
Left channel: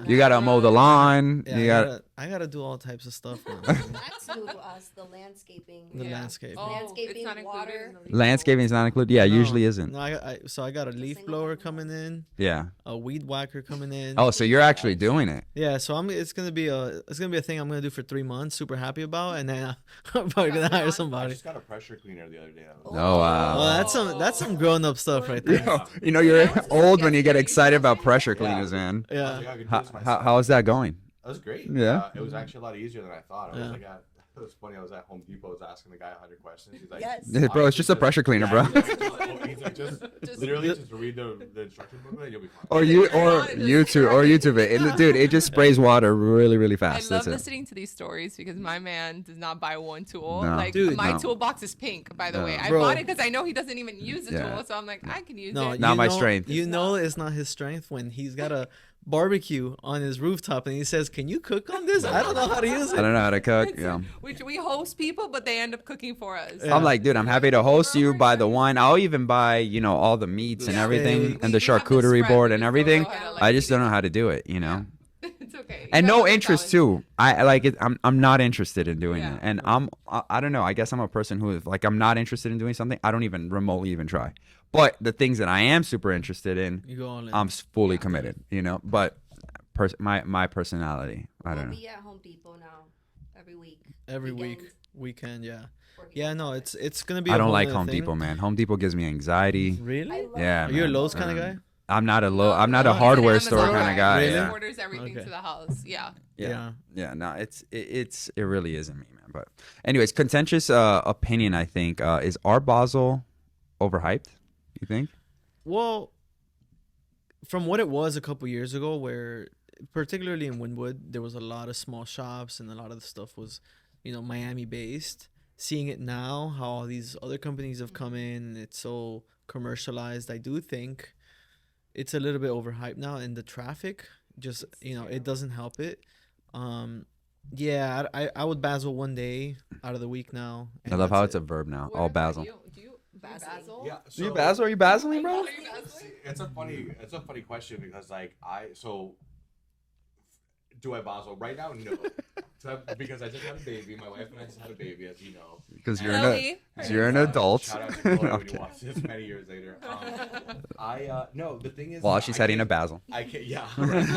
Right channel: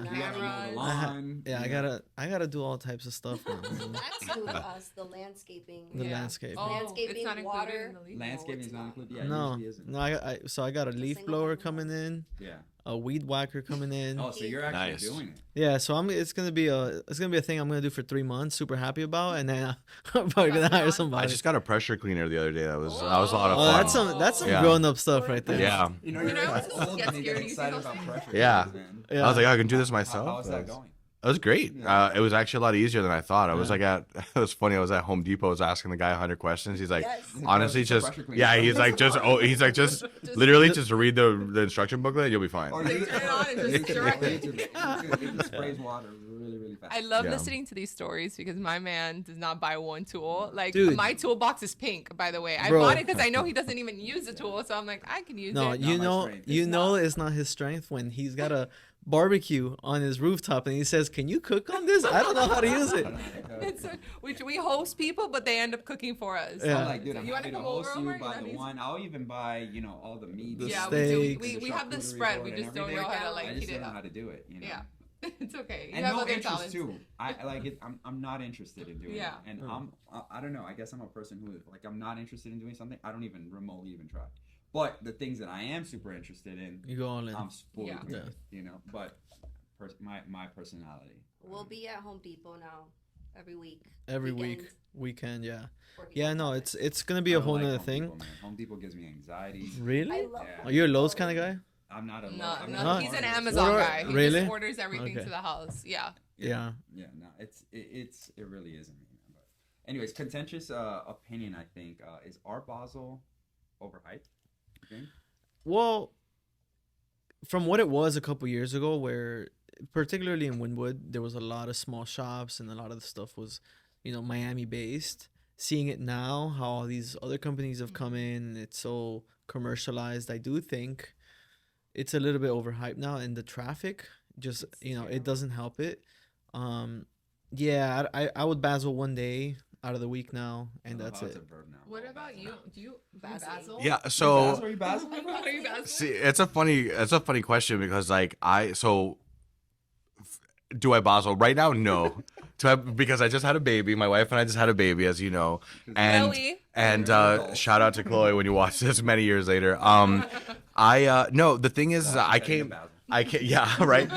you gotta mow the lawn. Yeah, I gotta do all types of stuff. That's new to us. The landscaping. Landscaping. Landscaping, water. Landscaping is not included. Yeah, usually isn't. No, I got a leaf blower coming in. Yeah. A weed whacker coming in. Oh, so you're actually doing it. Yeah, so it's gonna be a thing I'm gonna do for 3 months. Super happy about, and then I'm probably gonna hire somebody. I just got a pressure cleaner the other day. That was. That's some grown up stuff right there. Yeah. You know, you're old when you get excited about pressure cleaners, man. Yeah. I was like, I can do this myself. How is that going? It was great. Yeah. It was actually a lot easier than I thought. I was like it was funny. I was at Home Depot. I was asking the guy 100 questions. He's like, Yes. Bro, it's honestly, just a pressure cleaner, Yeah, bro. he's like, just literally just read the instruction booklet and you'll be fine. Or YouTube it. Dude, it just sprays water really, really fast. I love That's it. listening to these stories because my man does not buy one tool. No. Like Dude, my no. toolbox is pink, by the way. I Bro. bought it because I know he doesn't even use the Yeah. tool, so I'm like, I can use No, it. Not my strength. You know, it's not his strength when he's got a barbecue on his rooftop and he says, "Can you cook on this? I don't know how to use I it." don't know how to cook. It's- Yeah. Which we host people, but they end up cooking for us. Yeah. I'm like, dude, I'm You happy have to a host full you, burger? buy the Yeah. wine. I'll even buy, all the meats and Yeah. everything, We- and the we have the charcuterie spread, board we and just don't everything. know how to, like, I just eat don't it. know how to do it, Yeah. It's okay. And You have no other interest talents. too. I like it. I'm not interested in doing Yeah. it, and I don't know. I guess I'm a person who is like, I'm not interested in doing something. I don't even remotely even try. But the things that I am super interested in, You go all in. I'm fully Yeah. committed. But my personality, I We'll don't know. be at Home Depot now every week. Every Weekend, weekend, yeah. working Yeah, on no, projects. it's gonna be I a don't whole like nother Home thing. Depot, man. Home Depot gives me anxiety. Really? I love Yeah, Are you a man. Lowe's kind of guy? I'm not a low. No, I'm not no, a he's an hardware Amazon store kind of guy. Really? He orders everything Okay. to the house. Yeah. Yeah. Yeah, no, it really isn't me, man. But anyways, contentious opinion, I think, is Art Basel overhyped? You think? Well, from what it was a couple years ago, where particularly in Wynwood, there was a lot of small shops and a lot of the stuff was, Miami based. Seeing it now, how all these other companies have come in and it's so commercialized, I do think it's a little bit overhyped now, and the traffic just it doesn't help it. Yeah, I would Basel one day out of the week now. I love how it's a verb now. What All about Basel. you? Do you Basil. basil? Yeah, You so Basel? Are you Basiling, bro? Are you basil? see, it's a funny question because like do I Basel right now? No, because I just had a baby. My wife and I just had a baby, as you know. 'Cause And- Really? And You're an adult. shout out to Chloe when you watch this many years later. No, the thing is, Well, she's I heading to can't. Basel. I can't. Yeah, right.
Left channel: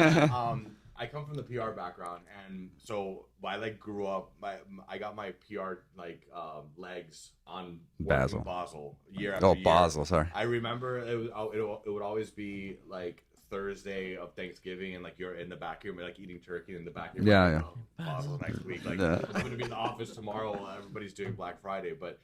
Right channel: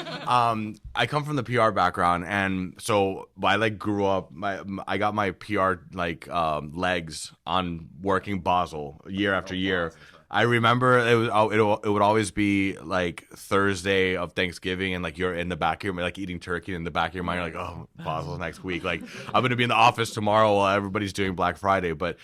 I come from the PR background, and so I grew up. I got my PR legs on working Basel year after year. Basel, sorry. I remember it would always be like Thursday of Thanksgiving, and you're in the back of your eating turkey in the back of your mind, Yeah, oh, Basel next week. I'm gonna be in the office tomorrow while everybody's doing Black Friday, but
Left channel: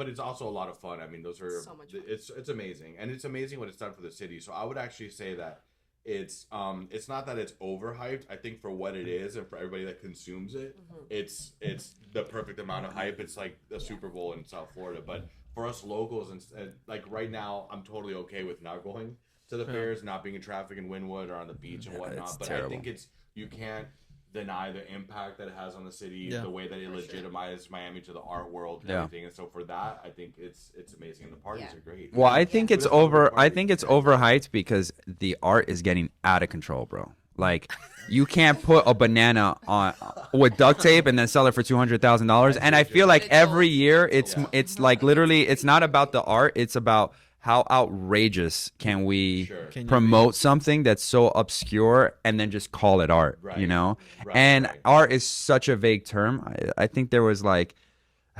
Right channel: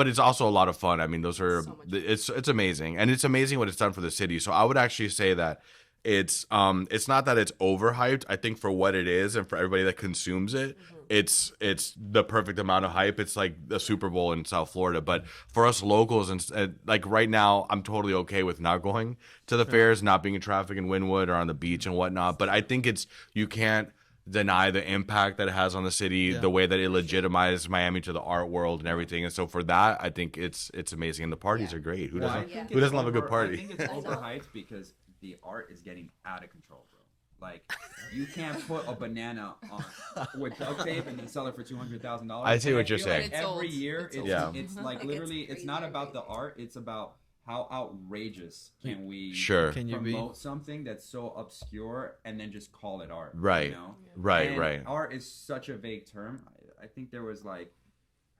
it's also a lot of fun. I mean, those are So much it's amazing, and it's amazing what it's done for the city. So I would actually say that it's not that it's overhyped. I think for what it is and for everybody that consumes it, it's the perfect amount of hype. It's like the Super Bowl in South Florida. But for us locals, and right now, I'm totally okay with not going to the fairs, not being in traffic in Wynwood or on the beach and whatnot. But I think you can't deny the impact that it has on the city, the way that it legitimized Miami to the art world and everything. And so for that, I think it's amazing, and the parties are great. Well, I think Who it's doesn't love a good over. I party? think it's overhyped because the art is getting out of control, bro. Like, you can't put a banana on with duct tape and then sell it for $200,000. see And I what you're feel like saying. every It's year, old. it's Yeah. it's like literally, it's not about the art. It's about how outrageous can we Sure. Can you promote something that's so obscure and then just call it art, Right. You know? Right, And right. art is such a vague term. I think there was I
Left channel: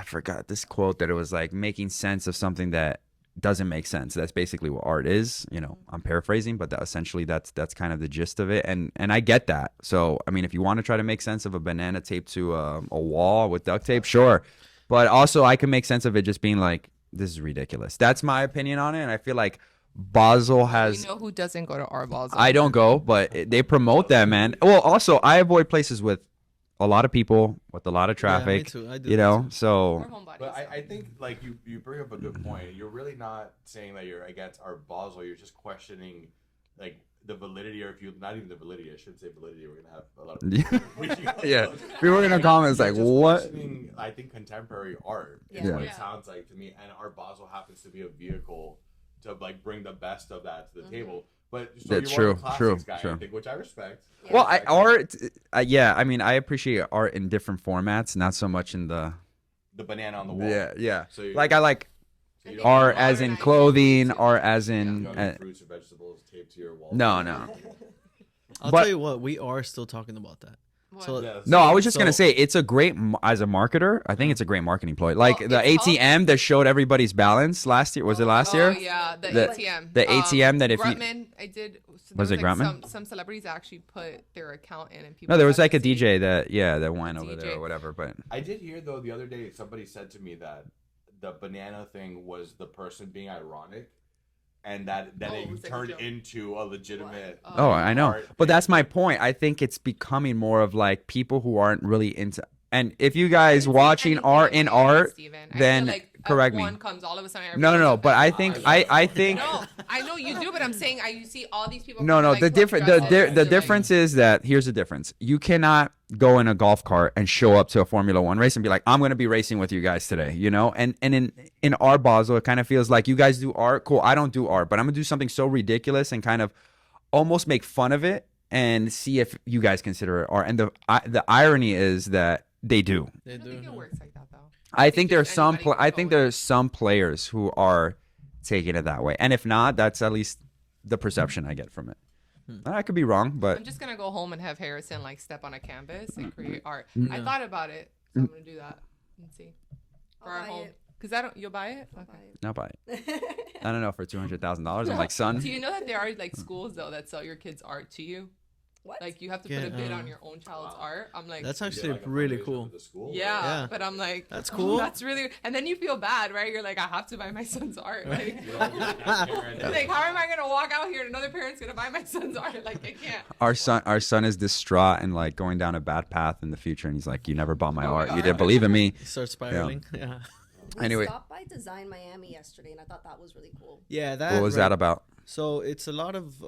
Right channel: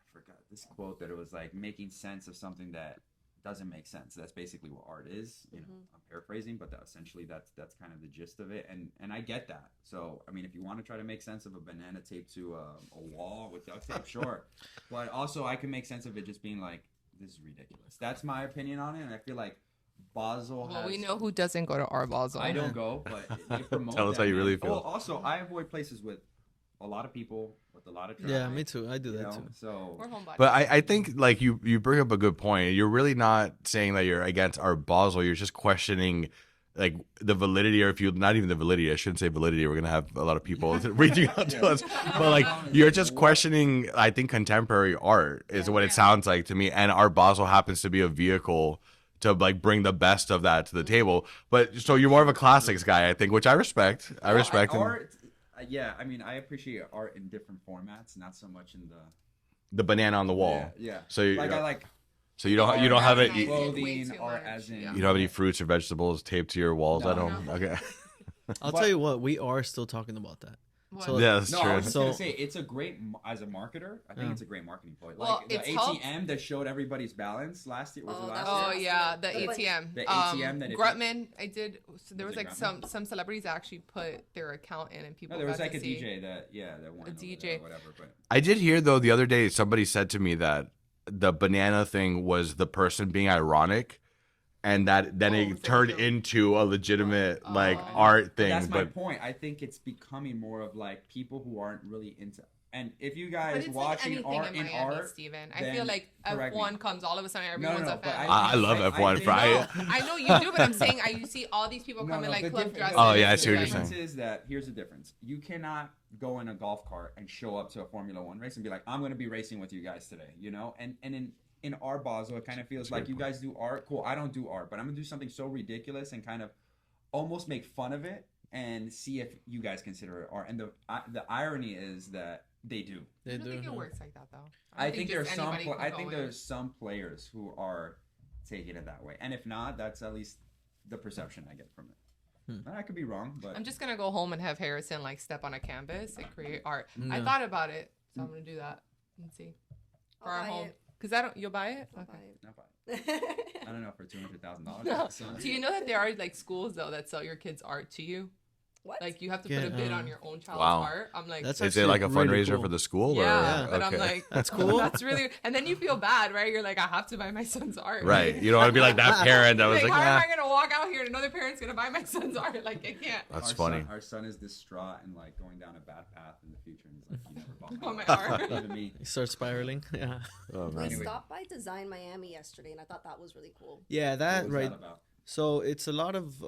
forgot this quote that it was making sense of something that doesn't make sense. That's basically what art is. I'm paraphrasing, but essentially that's kind of the gist of it. And I get that. So, I mean, if you want to try to make sense of a banana taped to a wall with duct tape, sure. But also I can make sense of it just being this is ridiculous. That's my opinion on it. And I feel like Basel has... We know who doesn't go to Art Basel. I don't go, but they promote Tell us that, how you man. really feel. Well, also, I avoid places with a lot of people, with a lot of Yeah, me traffic. too. I do You that know, too. so... Or homebody. But I think you bring up a good point. You're really not saying that you're against Art Basel. You're just questioning the validity, or if you not even the validity. I shouldn't say validity. We're gonna have a lot of people reaching out Yeah. to us. People in the But, comments you're like, just what? questioning. I think contemporary art is what it Yeah. sounds like to me. And Art Basel happens to be a vehicle to bring the best of that to the table. But so Yeah, you're more of a true, classics true, guy, I true. think, which I respect. I Well, respect and- art, yeah. I mean, I appreciate art in different formats, not so much in the... the banana on the wall. yeah. So you, I like so you don't art have as in any clothing, art as in... you don't have any fruits or vegetables taped to your wall. No, at all? no. Okay. I'll But- tell you what, we are still talking about that. So Yes. No, I was just So- gonna say it's a great as a marketer. I think it's a great marketing ploy. Like Well, the it's ATM that showed everybody's balance last year. Was it last year? Oh yeah, the ATM. the ATM that if you- Grutman, I did. So there Was it like Grutman? some celebrities actually put their account in, and people. No, there got was like to a see. DJ that went over DJ. there or whatever. But I did hear though the other day somebody said to me that the banana thing was the person being ironic, and that then Oh, it was that turned a joke? into a legitimate Oh, like, I know. art But thing that's my that- point. I think it's becoming more of like people who aren't really into. And if you guys I didn't see watching anything art in in Miami, art, Steven. then I feel like correct me. F1 comes all of a sudden. No, everyone's a but I fan. think love I F1, think Brian. No, I know you do, but I'm saying you see all these people. no, come to, no. like, The club difference, dressed Oh, up. yeah, I the see what you're difference saying. is that here's the difference. You cannot go in a golf cart and show up to a Formula One race and be like, I'm going to be racing with you guys today, you know. And in our Basel, it kind of feels like you guys do art. Cool, I don't do art, but I'm gonna do something so ridiculous and kind of almost make fun of it and see if you guys consider it art. And the irony is that they do. They I don't do. think it huh? works like that though. I think there's just some. anybody can I go think in. there's some players who are taking it that way, and if not, that's at least the perception I get from it. I could be wrong, but I'm just gonna go home and have Harrison like step on a canvas and create art. I Yeah. thought about it, so I'm gonna do that and see for I'll our buy home. it. Cause I don't. You'll buy it. I'll Okay. buy not buy it. it. I don't know, for $200,000. I'm like, son. Do you know that there are like schools though that sell your kids' art to you? What? Like you have to Yeah, put a bid on your own child's Wow. art. I'm like, That's Is actually it like a really fundraiser cool. for the school? yeah, or? but I'm Okay. like, That's cool. That's really, and then you feel bad, right? You're like, I have to buy my son's art. Right. You don't want to be like that parent that was Like, like, how am I gonna walk out here and another parent's gonna buy my son's art? Like, I can't. That's funny. Our son is distraught and like going down a bad path in the future, and he's like, "You never bought my Oh, art. my You didn't God. believe in me." You start spiraling. Yeah. Anyway. I stopped by Design Miami yesterday, and I thought that was really cool. Yeah. That. What was right- that about? So it's a lot of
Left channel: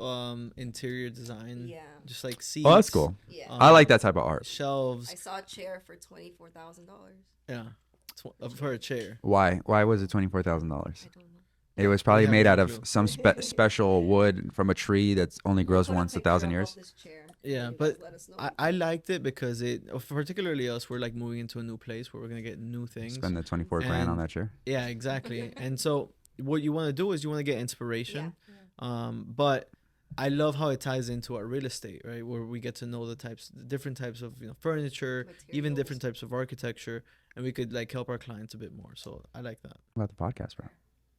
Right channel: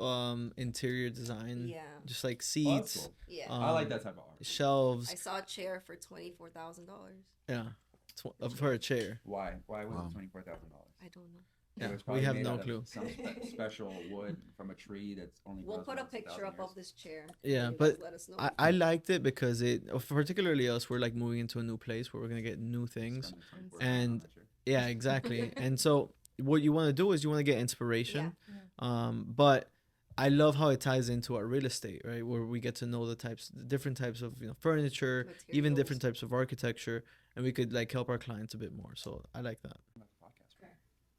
interior design. Yeah. Just like seats. Oh, that's cool. Yeah. I like that type of art. Shelves. I saw a chair for $24,000. Yeah. For a chair. Why? Why was it $24,000? I don't know. It was probably have made no out of clue. some special wood from a tree that's only grows We'll put once a picture 1,000 up years. of this chair, Yeah, and you but guys let us know. I liked it because it, particularly us, we're like moving into a new place where we're gonna get new things. Spend the 24 grand on And- that chair. Yeah, exactly. And so what you want to do is you want to get inspiration. But I love how it ties into our real estate, right? Where we get to know the different types of furniture, even Materials. different types of architecture, and we could like help our clients a bit more. So I like that. About the podcast, bro.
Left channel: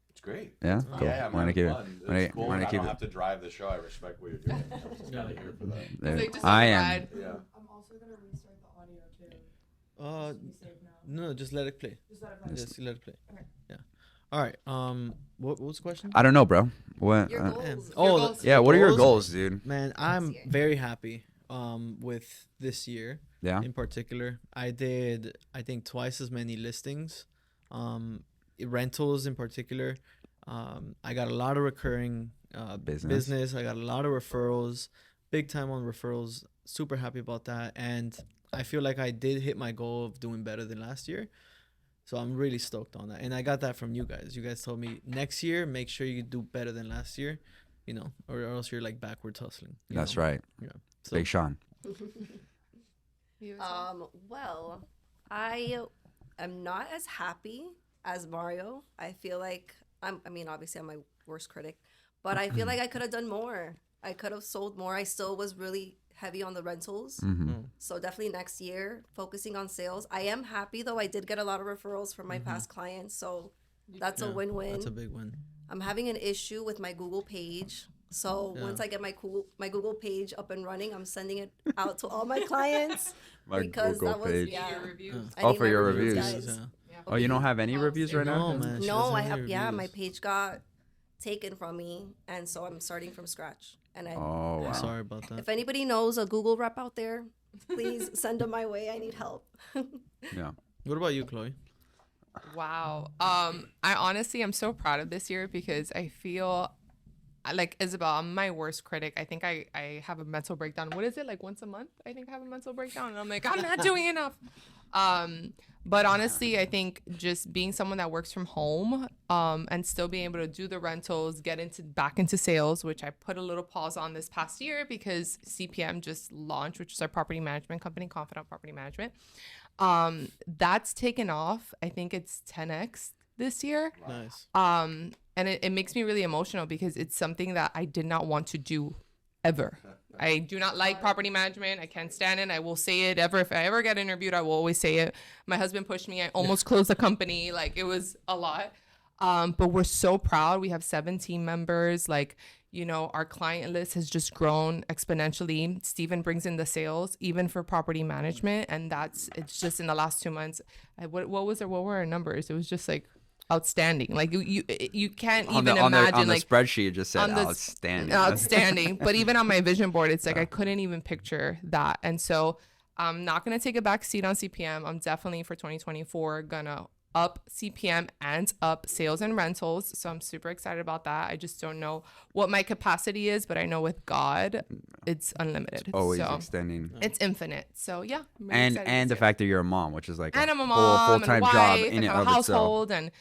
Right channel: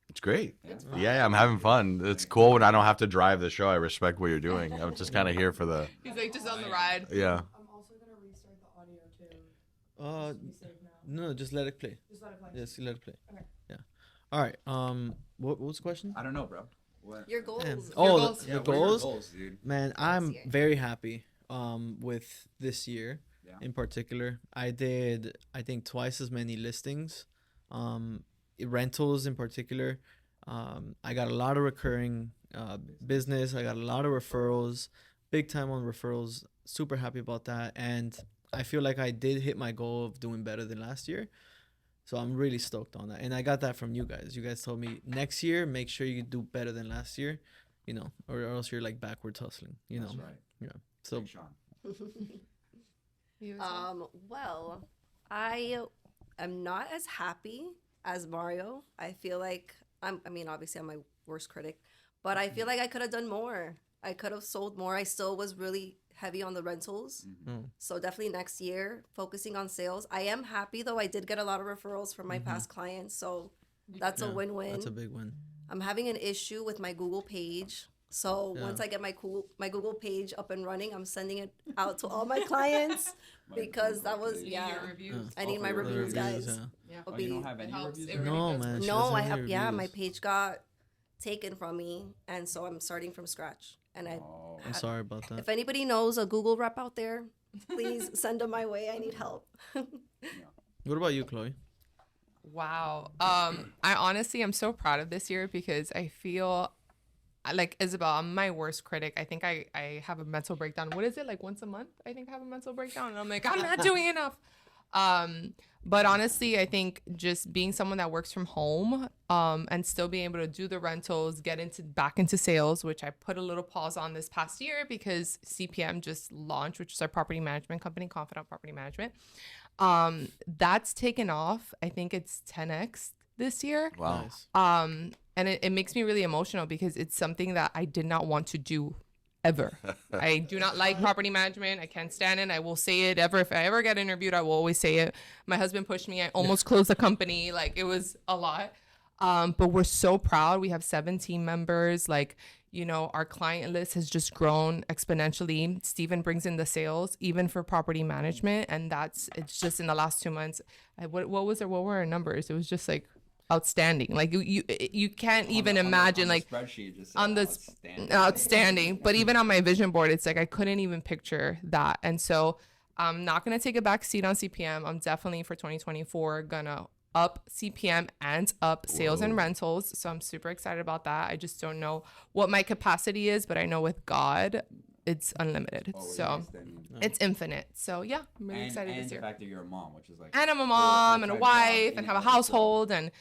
It's great. Yeah. Yeah, I'm Wanna having get- fun. It's wanna- cool when wanna I don't keep have to drive the show. I respect what you're doing. I'm just kind of here for the. He's like, just I on the am. ride. Yeah. I'm also gonna restart the audio too. Be safe now. No, just let it play. Just let it play. Just let it play. Okay. Yeah. All right. What was the question? I don't know, bro. What? Your goals. Oh, goals. yeah. What are your goals? goals, dude? Man, I'm year. very happy with this year. Yeah. In particular, I did I think twice as many listings, rentals in particular. I got a lot of recurring business. I got a lot of referrals, big time on referrals. Super happy about that, and I feel like I did hit my goal of doing better than last year. So I'm really stoked on that, and I got that from you guys. You guys told me next year make sure you do better than last year, or else you're like backwards hustling. That's right. Yeah. So Big Sean. You as well? Well, I am not as happy as Mario. I feel like obviously I'm my worst critic, but I feel like I could have done more. I could have sold more. I still was really heavy on the rentals. Mm-hmm. So definitely next year, focusing on sales. I am happy though. I did get a lot of referrals from my past clients. So that's a win-win. that's a big win. I'm having an issue with my Google page. So once I get my Google page up and running, I'm sending it out to all my clients because Google that was page. yeah. Your reviews. I Oh, need for my your reviews, reviews. guys. Yeah. Oh, you don't have any Helps reviews it right now? No, man. she No, doesn't I have have any my reviews. page got taken from me, and so I'm starting from scratch. And Oh, wow. Sorry about that. if anybody knows a Google rep out there, please send them my way. I need help. Yeah. What about you, Chloe? Wow. I honestly am so proud of this year because I feel like Isabel, I'm my worst critic. I think I have a mental breakdown. What is it, like once a month? I think I have a mental breakdown, and I'm like, I'm not doing enough. But honestly, I think just being someone that works from home, and still being able to do the rentals, get back into sales, which I put a little pause on this past year because CPM just launched, which is our property management company, Confident Property Management. That's taken off. I think it's 10x this year. Wow. Nice. And it makes me really emotional because it's something that I did not want to do ever. I do not like property management. I can't stand it. I will say it ever. If I ever get interviewed, I will always say it. My husband pushed me. I almost closed the company. Like, it was a lot. But we're so proud. We have 7 team members. Like, you know, our client list has just grown exponentially. Steven brings in the sales, even for property management. And it's just in the last 2 months. What were our numbers? It was just like outstanding. Like you can't even imagine, like, the spreadsheet it just said outstanding. But even on my vision board, it's like I couldn't even picture that. And so I'm not going to take a back seat on CPM. I'm definitely for 2024 gonna up CPM and up sales and rentals. So I'm super excited about that. I just don't know what my capacity is, but I know with God, it's unlimited. It's always so extending. It's infinite. So yeah, I'm really excited and the fact that you're a mom, which is like, and I'm a mom and a wife and have a household itself. and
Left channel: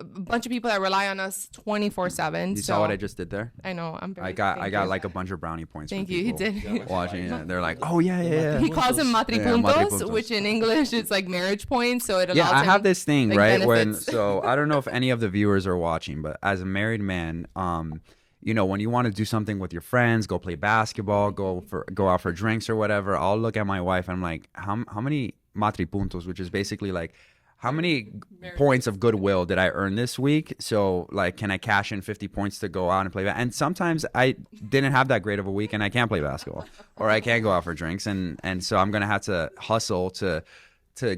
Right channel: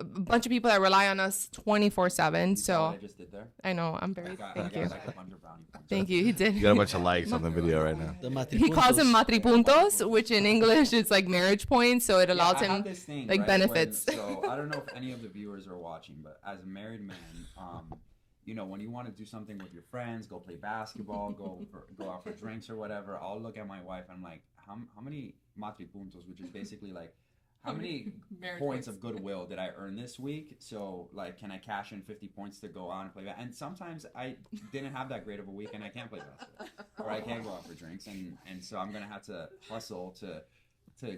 a bunch of people that rely on us 24/7. You saw what I just did there? I know. I'm very. I got like a bunch of brownie points. Thank you. He did. You got a bunch of likes on the They're like, video oh right now. yeah. He calls them matripuntos, matripuntos. which in English is like marriage points. So it allows I him. have this thing, like, right? benefits. So I don't know if any of the viewers are watching, but as a married man, you know, when you want to do something with your friends, go play basketball, go out for drinks or whatever, I'll look at my wife and I'm like, how many matripuntos, which is basically like, how many points of goodwill did I earn this week? So, like, can I cash in 50 points to go out and play? And sometimes I didn't have that great of a week and I can't play basketball or I can't go out for drinks. And so I'm going to have to hustle to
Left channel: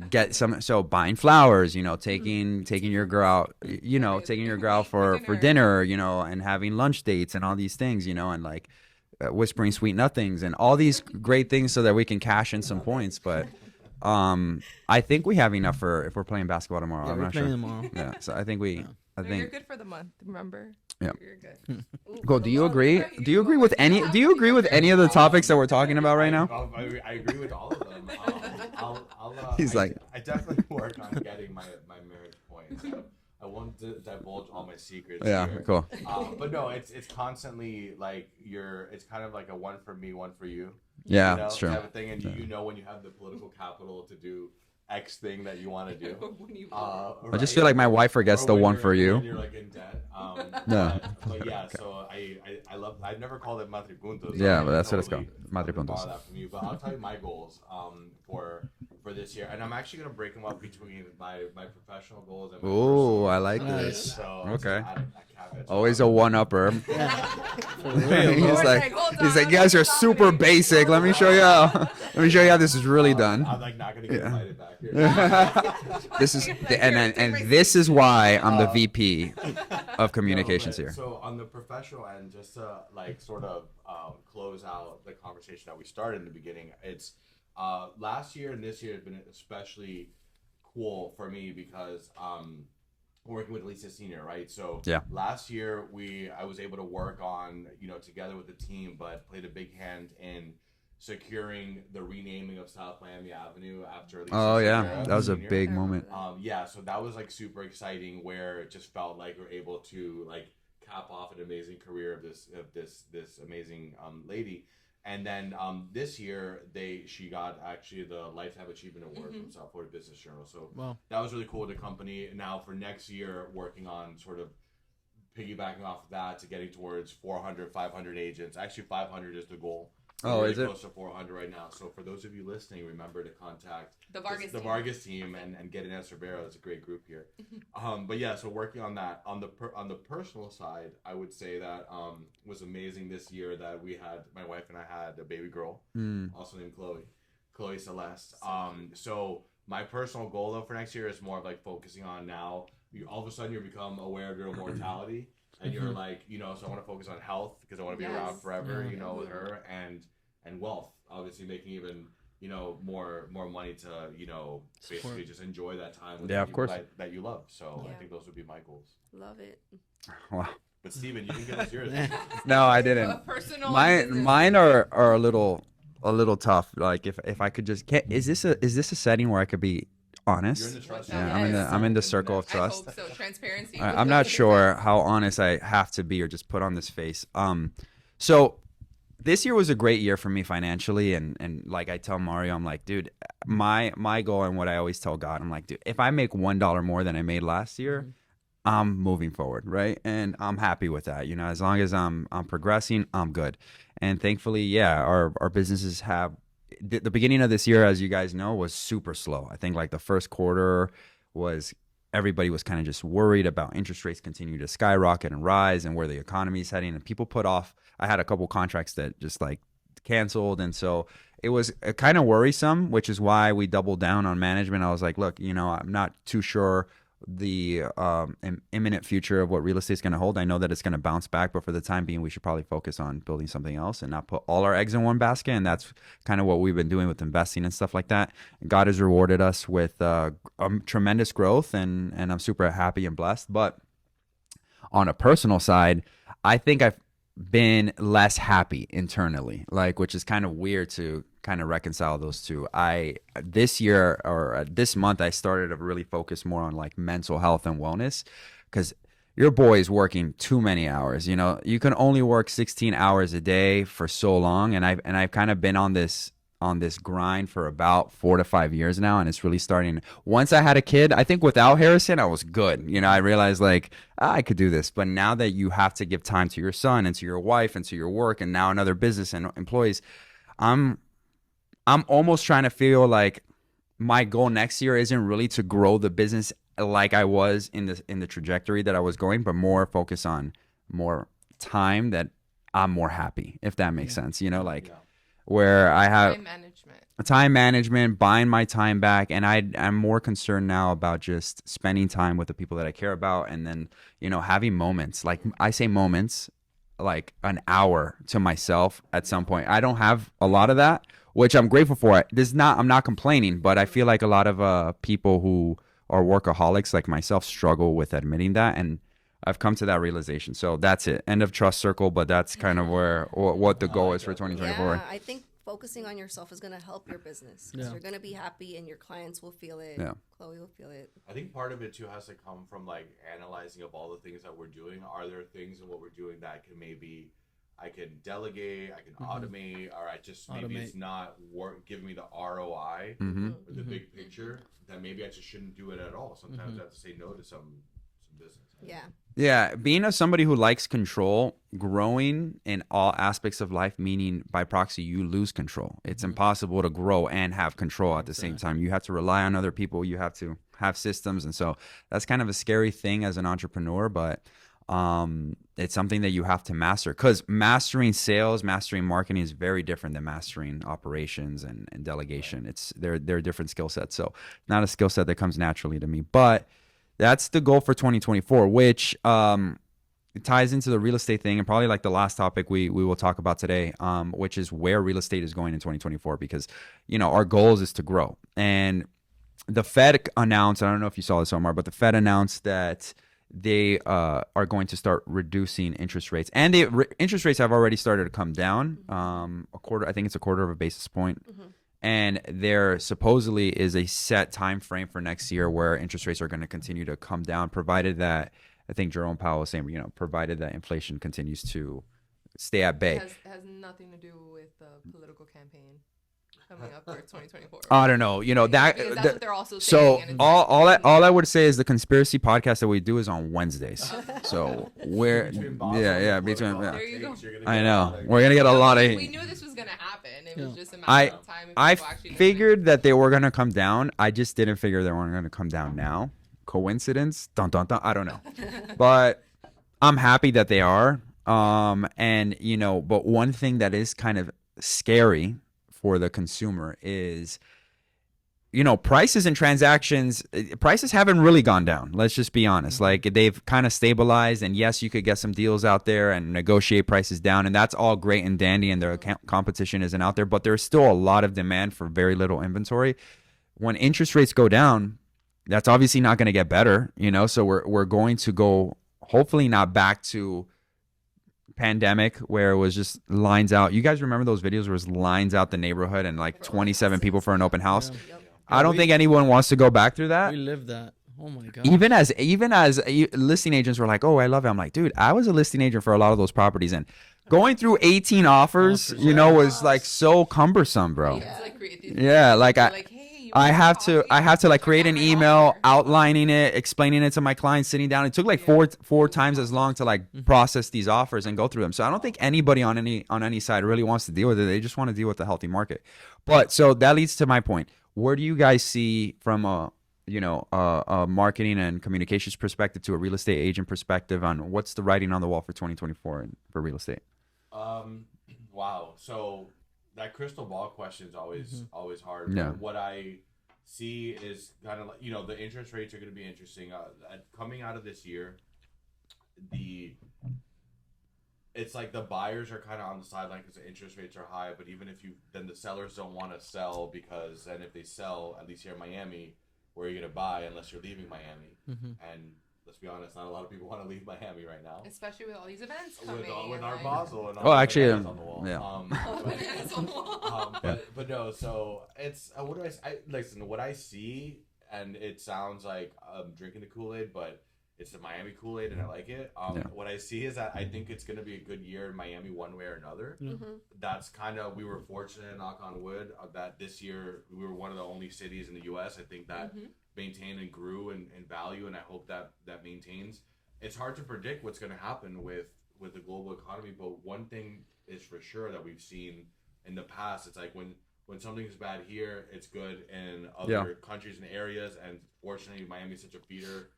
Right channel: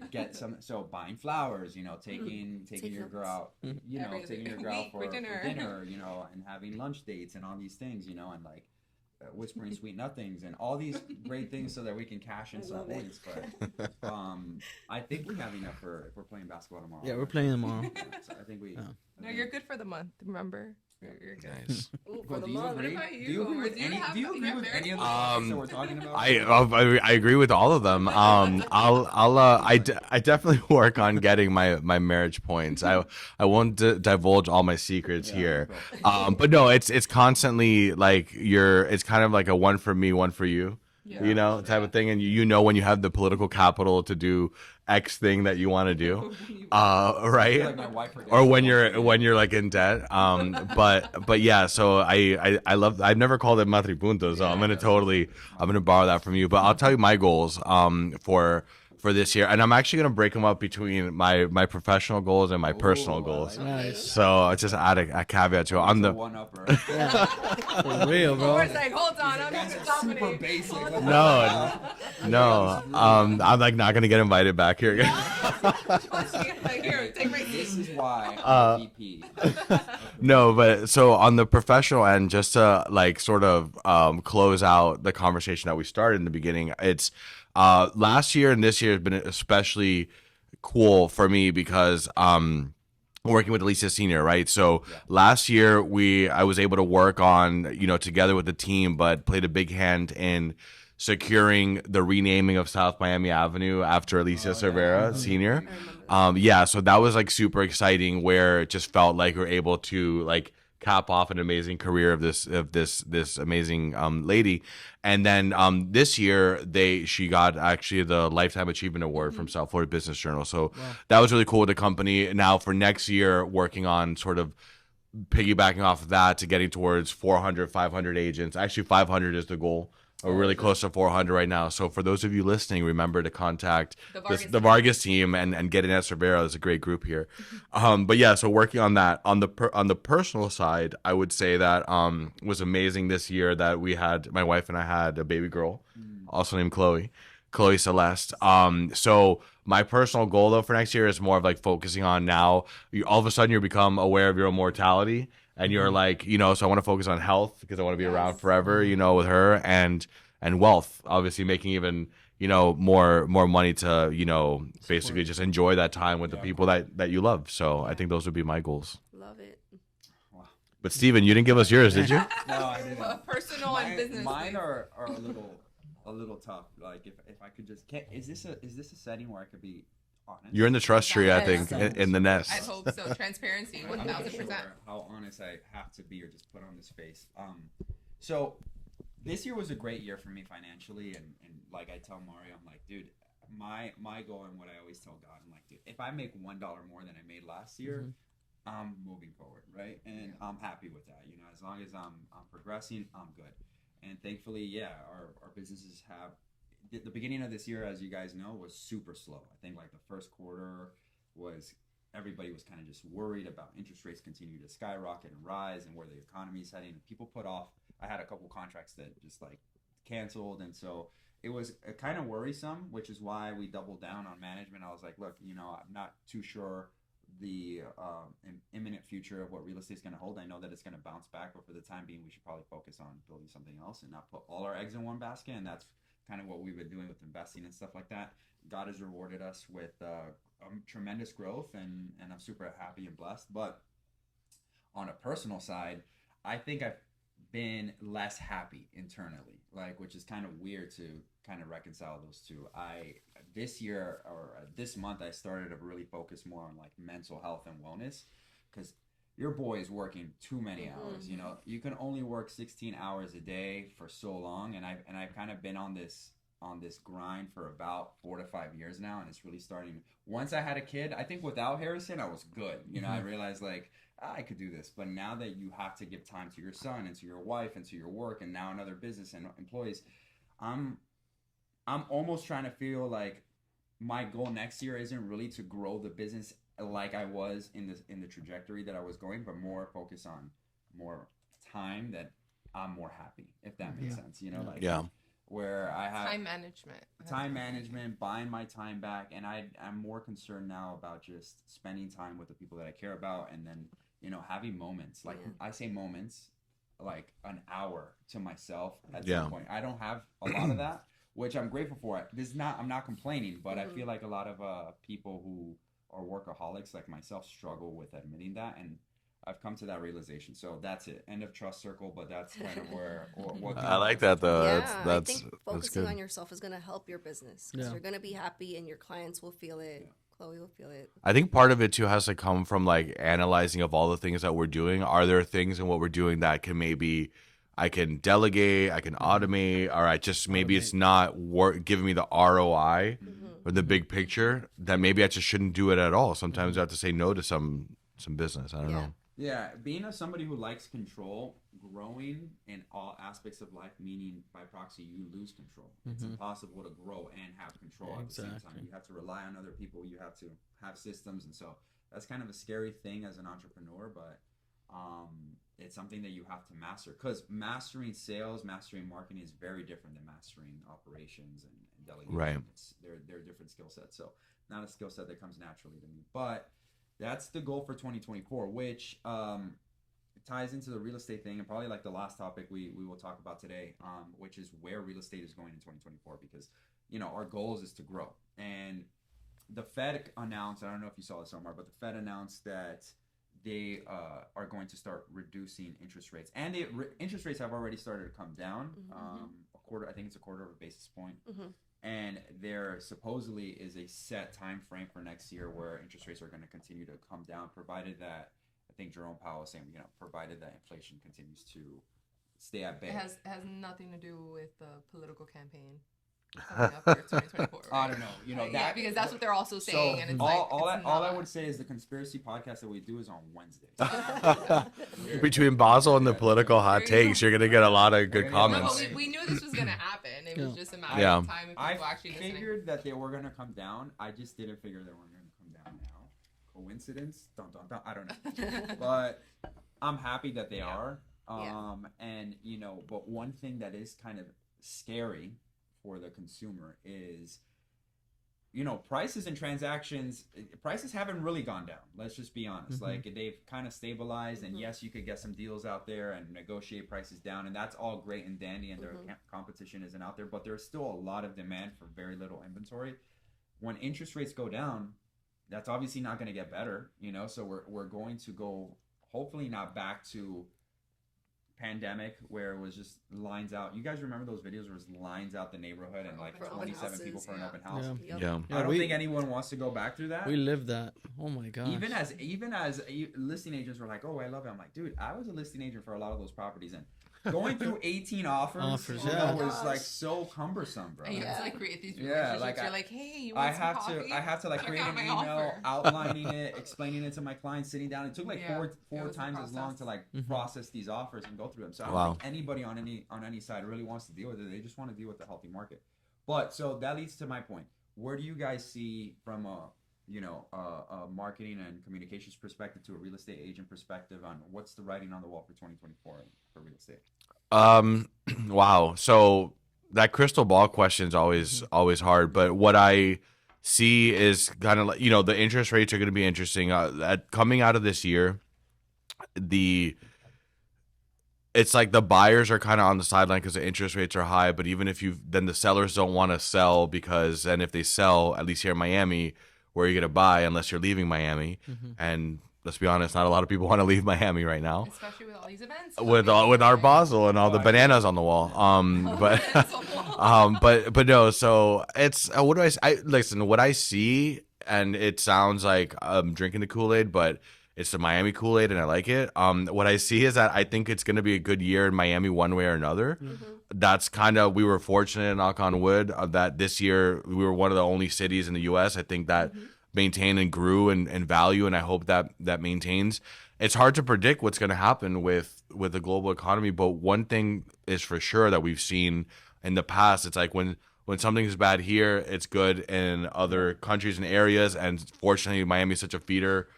get some. So buying flowers, you know, taking your girl out, you know, taking your girl out for dinner, you know, and having lunch dates and all these things, you know, and like, whispering sweet nothings and all these great things so that we can cash in some points. But I think we have enough for if we're playing basketball tomorrow. Yeah, I'm we're not playing sure. tomorrow. Yeah, so I think we. Yeah. I No, think. you're good for the month. Remember? Yeah. You're good. Go. Do you agree? Do you agree with any? Do you agree with any of the topics that we're talking about right now? I agree with all of them. I definitely work on getting my marriage points. I won't divulge all my secrets here. Cool. But no, it's constantly like it's kind of like a one for me, one for you. Yeah, you know, sure. type of thing. And you know when you have the political capital to do X thing that you want to do, I right? just feel like my wife forgets Or the when one you're for you. when you're like in debt. But yeah. So I love. I've never called it matripuntos. So Yeah, I'm but gonna that's what it's totally. called. I'm gonna borrow that from you. But I'll tell you my goals for this year, and I'm actually gonna break them up between my professional goals and my personal goals. I like Nice. this. So I'll just add a caveat to it. Always I'm a the- one-upper. For real, He's bro. like, hold on, he's like, I'm you guys not are talking super to you. basic. Let me show you how. Let me show you how this is really done. I'm like not gonna get invited back here again. This is and this is why I'm the VP of communications. No, but here. so on the professional end, just to like sort of close out the conversation that we started in the beginning, it's last year and this year has been especially cool for me because working with Alicia Senior, right? So Yeah. last year I was able to work on, you know, together with the team, but played a big hand in securing the renaming of South Miami Avenue after Alicia Cervera that was Senior. a big moment. Yeah, so that was like super exciting where it just felt like we're able to like cap off an amazing career of this amazing lady. And then this year she got actually the Lifetime Achievement Award from South Florida Business Journal. So that was really cool with the company. Now for next year, working on sort of piggybacking off of that to getting towards 400, 500 agents. Actually 500 is the goal. We're really close to 400 right now. So for those of you listening, remember to contact the Vargas team and get in at Cervera. It's a great group here. But yeah, so working on that on the personal side, I would say that was amazing this year that my wife and I had a baby girl, also named Chloe Celeste. So my personal goal though for next year is more of like focusing on now. All of a sudden you become aware of your own mortality. And you're like, you know, so I want to focus on health because I want to be around forever, you know, with her and wealth, obviously making even, you know, more money to, you know, basically just enjoy that time with the people that you love. So I think those would be my goals. Love it. Wow. But Steven, you didn't give us yours, did you? No, I didn't. Personal and business. Mine are a little tough. Like if I could just is this a setting where I could be honest? You're in the trust tree, I think. I'm in the circle net. of I trust. hope so. Transparency. I'm not sure how honest I have to be or just put on this face. So this year was a great year for me financially, and like I tell Mario, I'm like, dude, my goal and what I always tell God, I'm like, dude, if I make $1 more than I made last year, I'm moving forward, right? And I'm happy with that. You know, as long as I'm progressing, I'm good. And thankfully, yeah, our businesses have the beginning of this year, as you guys know, was super slow. I think like the first quarter was everybody was kind of just worried about interest rates continue to skyrocket and rise and where the economy is heading. And people put off. I had a couple contracts that just like canceled. And so it was kind of worrisome, which is why we doubled down on management. I was like, look, I'm not too sure the imminent future of what real estate is going to hold. I know that it's going to bounce back, but for the time being, we should probably focus on building something else and not put all our eggs in one basket. And that's kind of what we've been doing with investing and stuff like that. God has rewarded us with tremendous growth, and I'm super happy and blessed. But on a personal side, I think I've been less happy internally, which is kind of weird to kind of reconcile those two. This year or this month, I started to really focus more on like mental health and wellness, because your boy is working too many hours. You can only work 16 hours a day for so long, and I've kind of been on this grind for about 4 to 5 years now, and it's really starting. Once I had a kid, I think without Harrison, I was good. I realized I could do this. But now that you have to give time to your son and to your wife and to your work, and now another business and employees, I'm almost trying to feel like my goal next year isn't really to grow the business like I was in the trajectory that I was going, but more focus on more time that I'm more happy, if that makes sense. Where I have time management, buying my time back. And I'm more concerned now about just spending time with the people that I care about. And then, having moments, like I say moments, like an hour to myself at some point. I don't have a lot of that, which I'm grateful for. I'm not complaining, but I feel like a lot of people who are workaholics like myself struggle with admitting that. And I've come to that realization. So that's it. End of trust circle, but that's kind of what the goal is. Yeah, I think focusing on yourself is going to help your business, because you're going to be happy and your clients will feel it. Yeah. Chloe will feel it. I think part of it too has to come from like analyzing of all the things that we're doing. Are there things in what we're doing that I can delegate, I can automate, or it's not giving me the ROI or the big picture, that maybe I just shouldn't do it at all. Sometimes I have to say no to some business. I don't know. Yeah, being somebody who likes control, growing in all aspects of life, meaning by proxy, you lose control. It's impossible to grow and have control at the same time. You have to rely on other people. You have to have systems. And so that's kind of a scary thing as an entrepreneur, but it's something that you have to master, because mastering sales, mastering marketing is very different than mastering operations and delegation. Right. They're different skill sets. So not a skill set that comes naturally to me, but that's the goal for 2024, which it ties into the real estate thing, and probably like the last topic we will talk about today, which is where real estate is going in 2024, because our goals is to grow. And the Fed announced, I don't know if you saw this, Omar, but the Fed announced that they are going to start reducing interest rates, and interest rates have already started to come down I think it's a quarter of a basis point. And there supposedly is a set time frame for next year where interest rates are going to continue to come down, provided that, I think Jerome Powell was saying, provided that inflation continues to stay at bay. It has nothing to do with the political campaign coming up for 2024. I don't know, that because that's what they're also saying. So all I would say is the conspiracy podcast that we do is on Wednesdays. So we're between Basel and the political hot takes, you're gonna get a lot of. We're gonna get a lot of. We knew this was gonna happen. It was just a matter of time. I figured that they were gonna come down. I just didn't figure they weren't gonna come down now. Coincidence? Dun dun dun. I don't know, but I'm happy that they are. And but one thing that is kind of scary for the consumer is, prices and transactions, prices haven't really gone down. Let's just be honest. Like, they've kind of stabilized, and yes, you could get some deals out there and negotiate prices down, and that's all great and dandy, and the competition isn't out there, but there's still a lot of demand for very little inventory. When interest rates go down, that's obviously not going to get better, so we're going to go, hopefully not back to pandemic where it was just lines out. You guys remember those videos where it was lines out the neighborhood and like 27 people for an open house? Yeah. I don't think anyone wants to go back through that. We lived that. Oh my god. Even as listing agents were like, "Oh, I love it." I'm like, "Dude, I was a listing agent for a lot of those properties, and going through 18 offers, was like so cumbersome, bro." You have to like create these. Yeah, like hey, You I want some have coffee? to like create Check an out my email offer. outlining it, explaining it to my clients, sitting down. It took like Yeah. four It was a times as long to like process these offers and go through them. So I don't think anybody on any side really wants to deal with it. They just want to deal with the healthy market. But so that leads to my point. Where do you guys see from a marketing and communications perspective to a real estate agent perspective on what's the writing on the wall for 2024 for real estate? Wow. So that crystal ball question is always hard. But what I see is kind of like, the interest rates are going to be interesting. Coming out of this year, it's like the buyers are kind of on the sideline because the interest rates are high. But even if then the sellers don't want to sell because then if they sell, at least here in Miami, where are you going to buy unless you're leaving Miami? And let's be honest, not a lot of people want to leave Miami right now. Especially with all these events. With our Basel and all the bananas on the wall. Yeah. But no, so it's what do I listen, what I see, and it sounds like I'm drinking the Kool-Aid, but it's the Miami Kool-Aid and I like it. What I see is that I think it's going to be a good year in Miami one way or another. That's we were fortunate, knock on wood, that this year we were one of the only cities in the U.S. I think that maintained and grew in value, and I hope that maintains. It's hard to predict what's going to happen with the global economy, but one thing is for sure that we've seen in the past. It's like when something's bad here, it's good in other countries and areas, and fortunately Miami is such a feeder,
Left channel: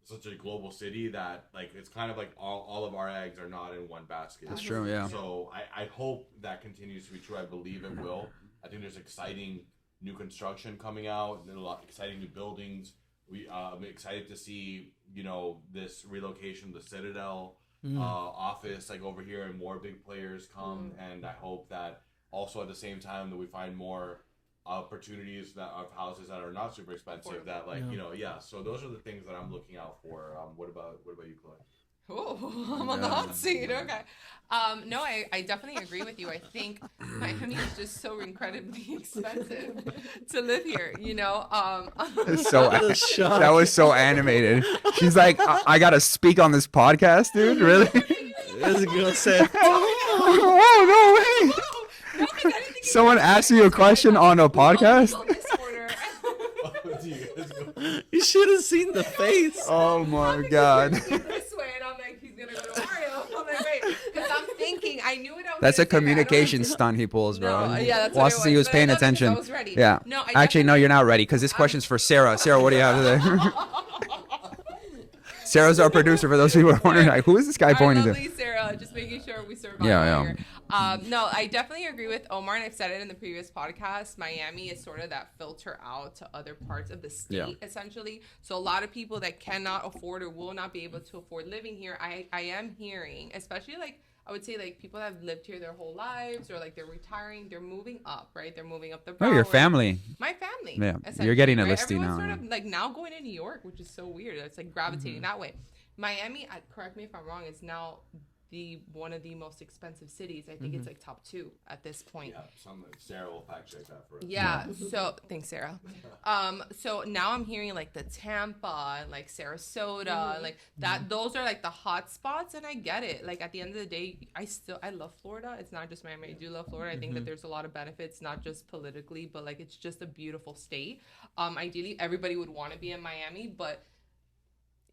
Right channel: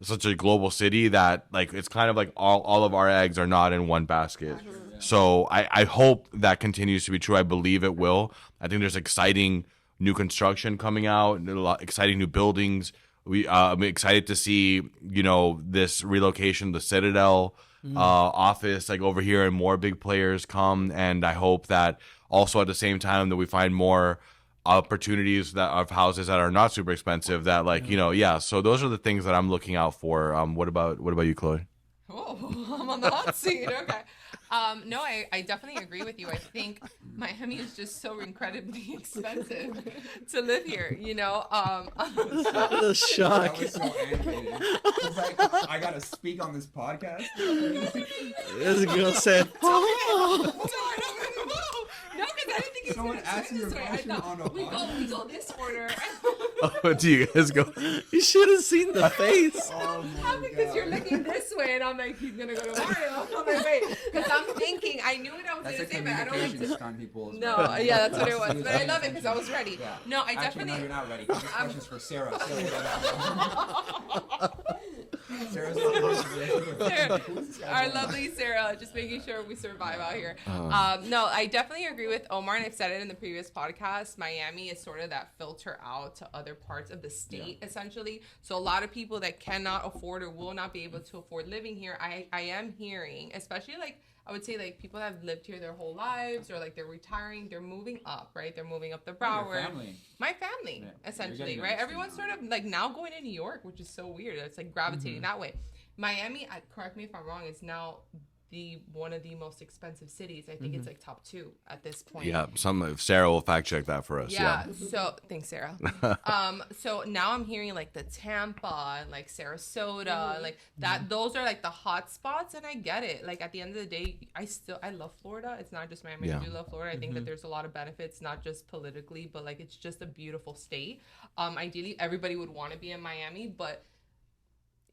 such a global city that like it's kind of like all of our eggs are not in one basket. That's true, yeah. So I hope that continues to be true. I believe it will. I think there's exciting new construction coming out, exciting new buildings. I'm excited to see, this relocation, the Citadel office, like over here, and more big players come. And I hope that also at the same time that we find more opportunities of houses that are not super expensive. That So those are the things that I'm looking out for. What about you, Chloe? Oh, I'm on the hot seat. Okay. No, I definitely agree with you. I think Miami is just so incredibly expensive to live here, That was so animated. She's like, I got to speak on this podcast, dude. Really? This girl said, oh, no way. No, 'cause I didn't think Someone asked you a question on a podcast? on this order. Do you guys go? you should have seen the face. Oh, my You're God. looking this way, and I'm like, he's gonna go to Mario. I'm like, wait, because I'm thinking, I knew what I was. That's a gonna say, but I don't communication stunt he pulls, bro. No, yeah, that's what Wants it to see was. who's But I paying love it 'cause attention. I was ready. Yeah. No, I Actually, no, definitely- you're not ready because this question's for Sarah. Sarah, what do you have today? Sarah's our producer. For those of you who are wondering, like, who is this guy Our pointing to? lovely Sarah, just making sure we survive Yeah, out yeah. here. No, I definitely agree with Omar, and I've said it in the previous podcast. Miami is sort of that filter out to other parts of the state, essentially. So a lot of people that cannot afford or will not be able to afford living here, I am hearing, especially like, I would say like people that have lived here their whole lives, or like they're retiring, they're moving up, right? They're moving up the Oh, your Broward. family. My family. Yeah, essentially, you're getting a right? listie Everyone's now, sort yeah. of like now going to New York, which is so weird. It's like gravitating that way. Miami, correct me if I'm wrong, is now one of the most expensive cities. I think it's like top 2 at this point. Yeah, Sarah will fact check that for us. Yeah. So thanks, Sarah. So now I'm hearing like the Tampa and like Sarasota, and like that. Those are like the hot spots, and I get it. Like at the end of the day, I love Florida. It's not just Miami. Yeah. I do love Florida. I think that there's a lot of benefits, not just politically, but like it's just a beautiful state. Ideally, everybody would want to be in Miami, but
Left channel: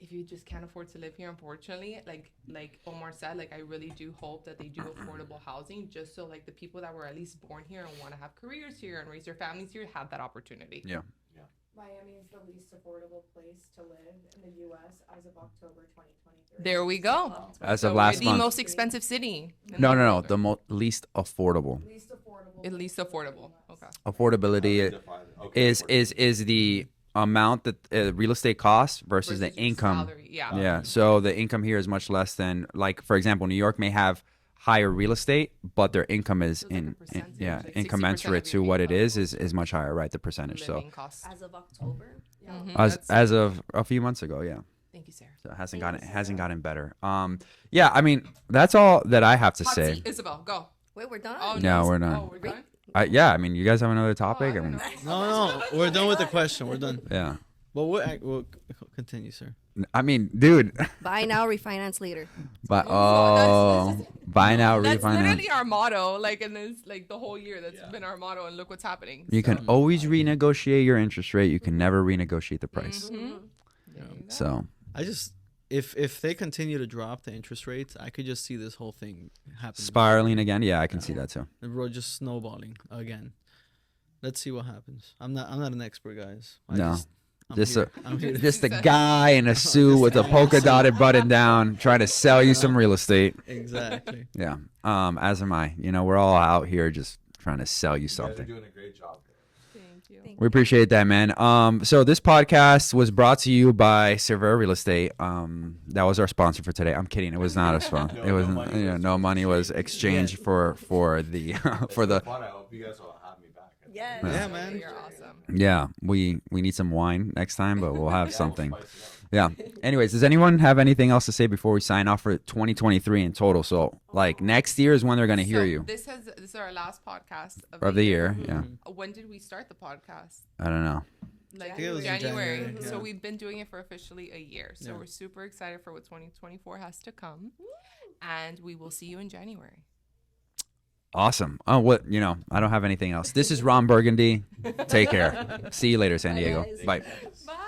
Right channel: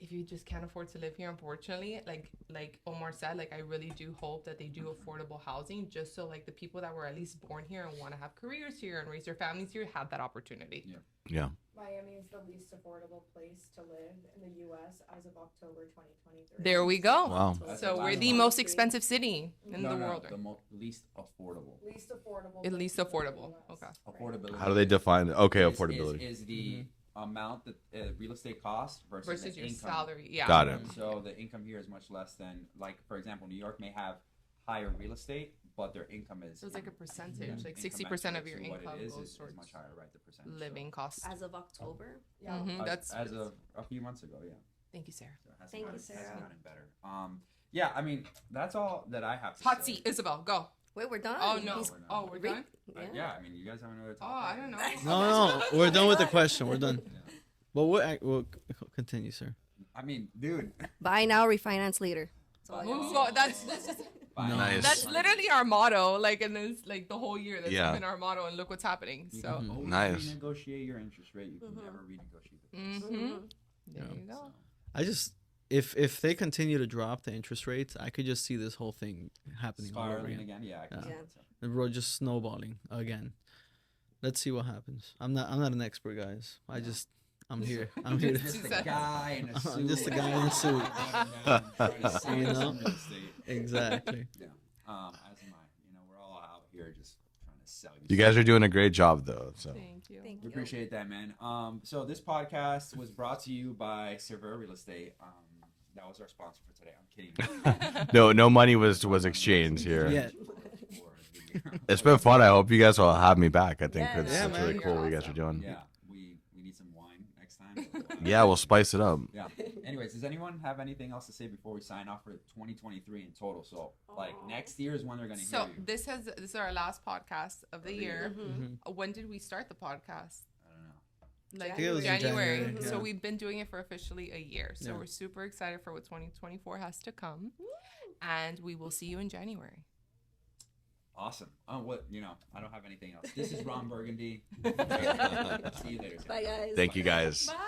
if you just can't afford to live here, unfortunately, like Omar said, like I really do hope that they do affordable housing, just so like the people that were at least born here and want to have careers here and raise their families here have that opportunity. Yeah. Miami is the least affordable place to live in the U.S. as of October 2023. There we go. Wow. As So of we're last the month. most expensive city. in No, the no, no. world. The least affordable. Least affordable. At least affordable. Okay. How do they Affordability define it? Okay. is the amount that real estate costs versus the Versus your income. salary. Yeah. Got it. Yeah. So the income here is much less than, like, for example, New York may have higher real estate, but their income is So it's like a percentage, like 60% incommensurate of to your what it income is much higher, right? The percentage. Living costs. As of October. Yeah. As of a few months ago, yeah. Thank you, Sarah. So it hasn't Thank you, gotten better. Yeah, I mean, that's all that I have to Hot say. seat, Isabel, go. Wait, we're done? Oh, No, no. we're not. Oh, we're done? Yeah, I mean, you guys have another topic? Oh, I I mean, don't know. No, we're done with the question. We're done. yeah. But we'll continue, sir. I mean, dude. Buy now, refinance later. But So that's just- buy now, That's refinance. literally our motto. Like, and it's like the whole year that's Yeah. been our motto. And look what's happening. You So. can always Nice. renegotiate your interest rate. You can never renegotiate the price. Mhm. There you go. So I just if they continue to drop the interest rates, I could just see this whole thing happening. spiraling again. Yeah, I can see Yeah. that too. The road just snowballing again. Let's see what happens. I'm not an expert, guys. I'm Just here. I'm here. Just a Just- guy in a suit Just with a a guy in a polka suit. dotted button down, trying to sell you some real estate. Exactly. Yeah. As am I. You know, we're all out here just trying to sell you. You something. guys are doing a great job, though. So. Thank you. Thank We appreciate that, man. So this podcast was brought to you by Cervera Real Estate. That was our sponsor for today. I'm kidding. It was not a sponsor. No, It no wasn't- money yeah, was- no was money was exchanged, exchanged yeah. for the It's for been the. fun. I hope you guys will have me back. I think. Yes. This is Yeah, really man. cool what you guys are doing. Yeah, we need some wine next time, but we'll have Yeah, we'll something. spice it up. Yeah. Anyways, does anyone have anything else to say before we sign off for 2023 in total? So, like next year is when they're gonna hear So you This is our last podcast of the year. Yeah. When did we start the podcast? I don't know. Like I think it was in January. January, So yeah. we've been doing it for officially a year. So Yeah. we're super excited for what 2024 has to come. And we will see you in January. Awesome. Oh, what I don't have anything else. This is Ron Burgundy. Take care. See you later, San Bye, Diego. guys. Thank Bye. you guys. Bye.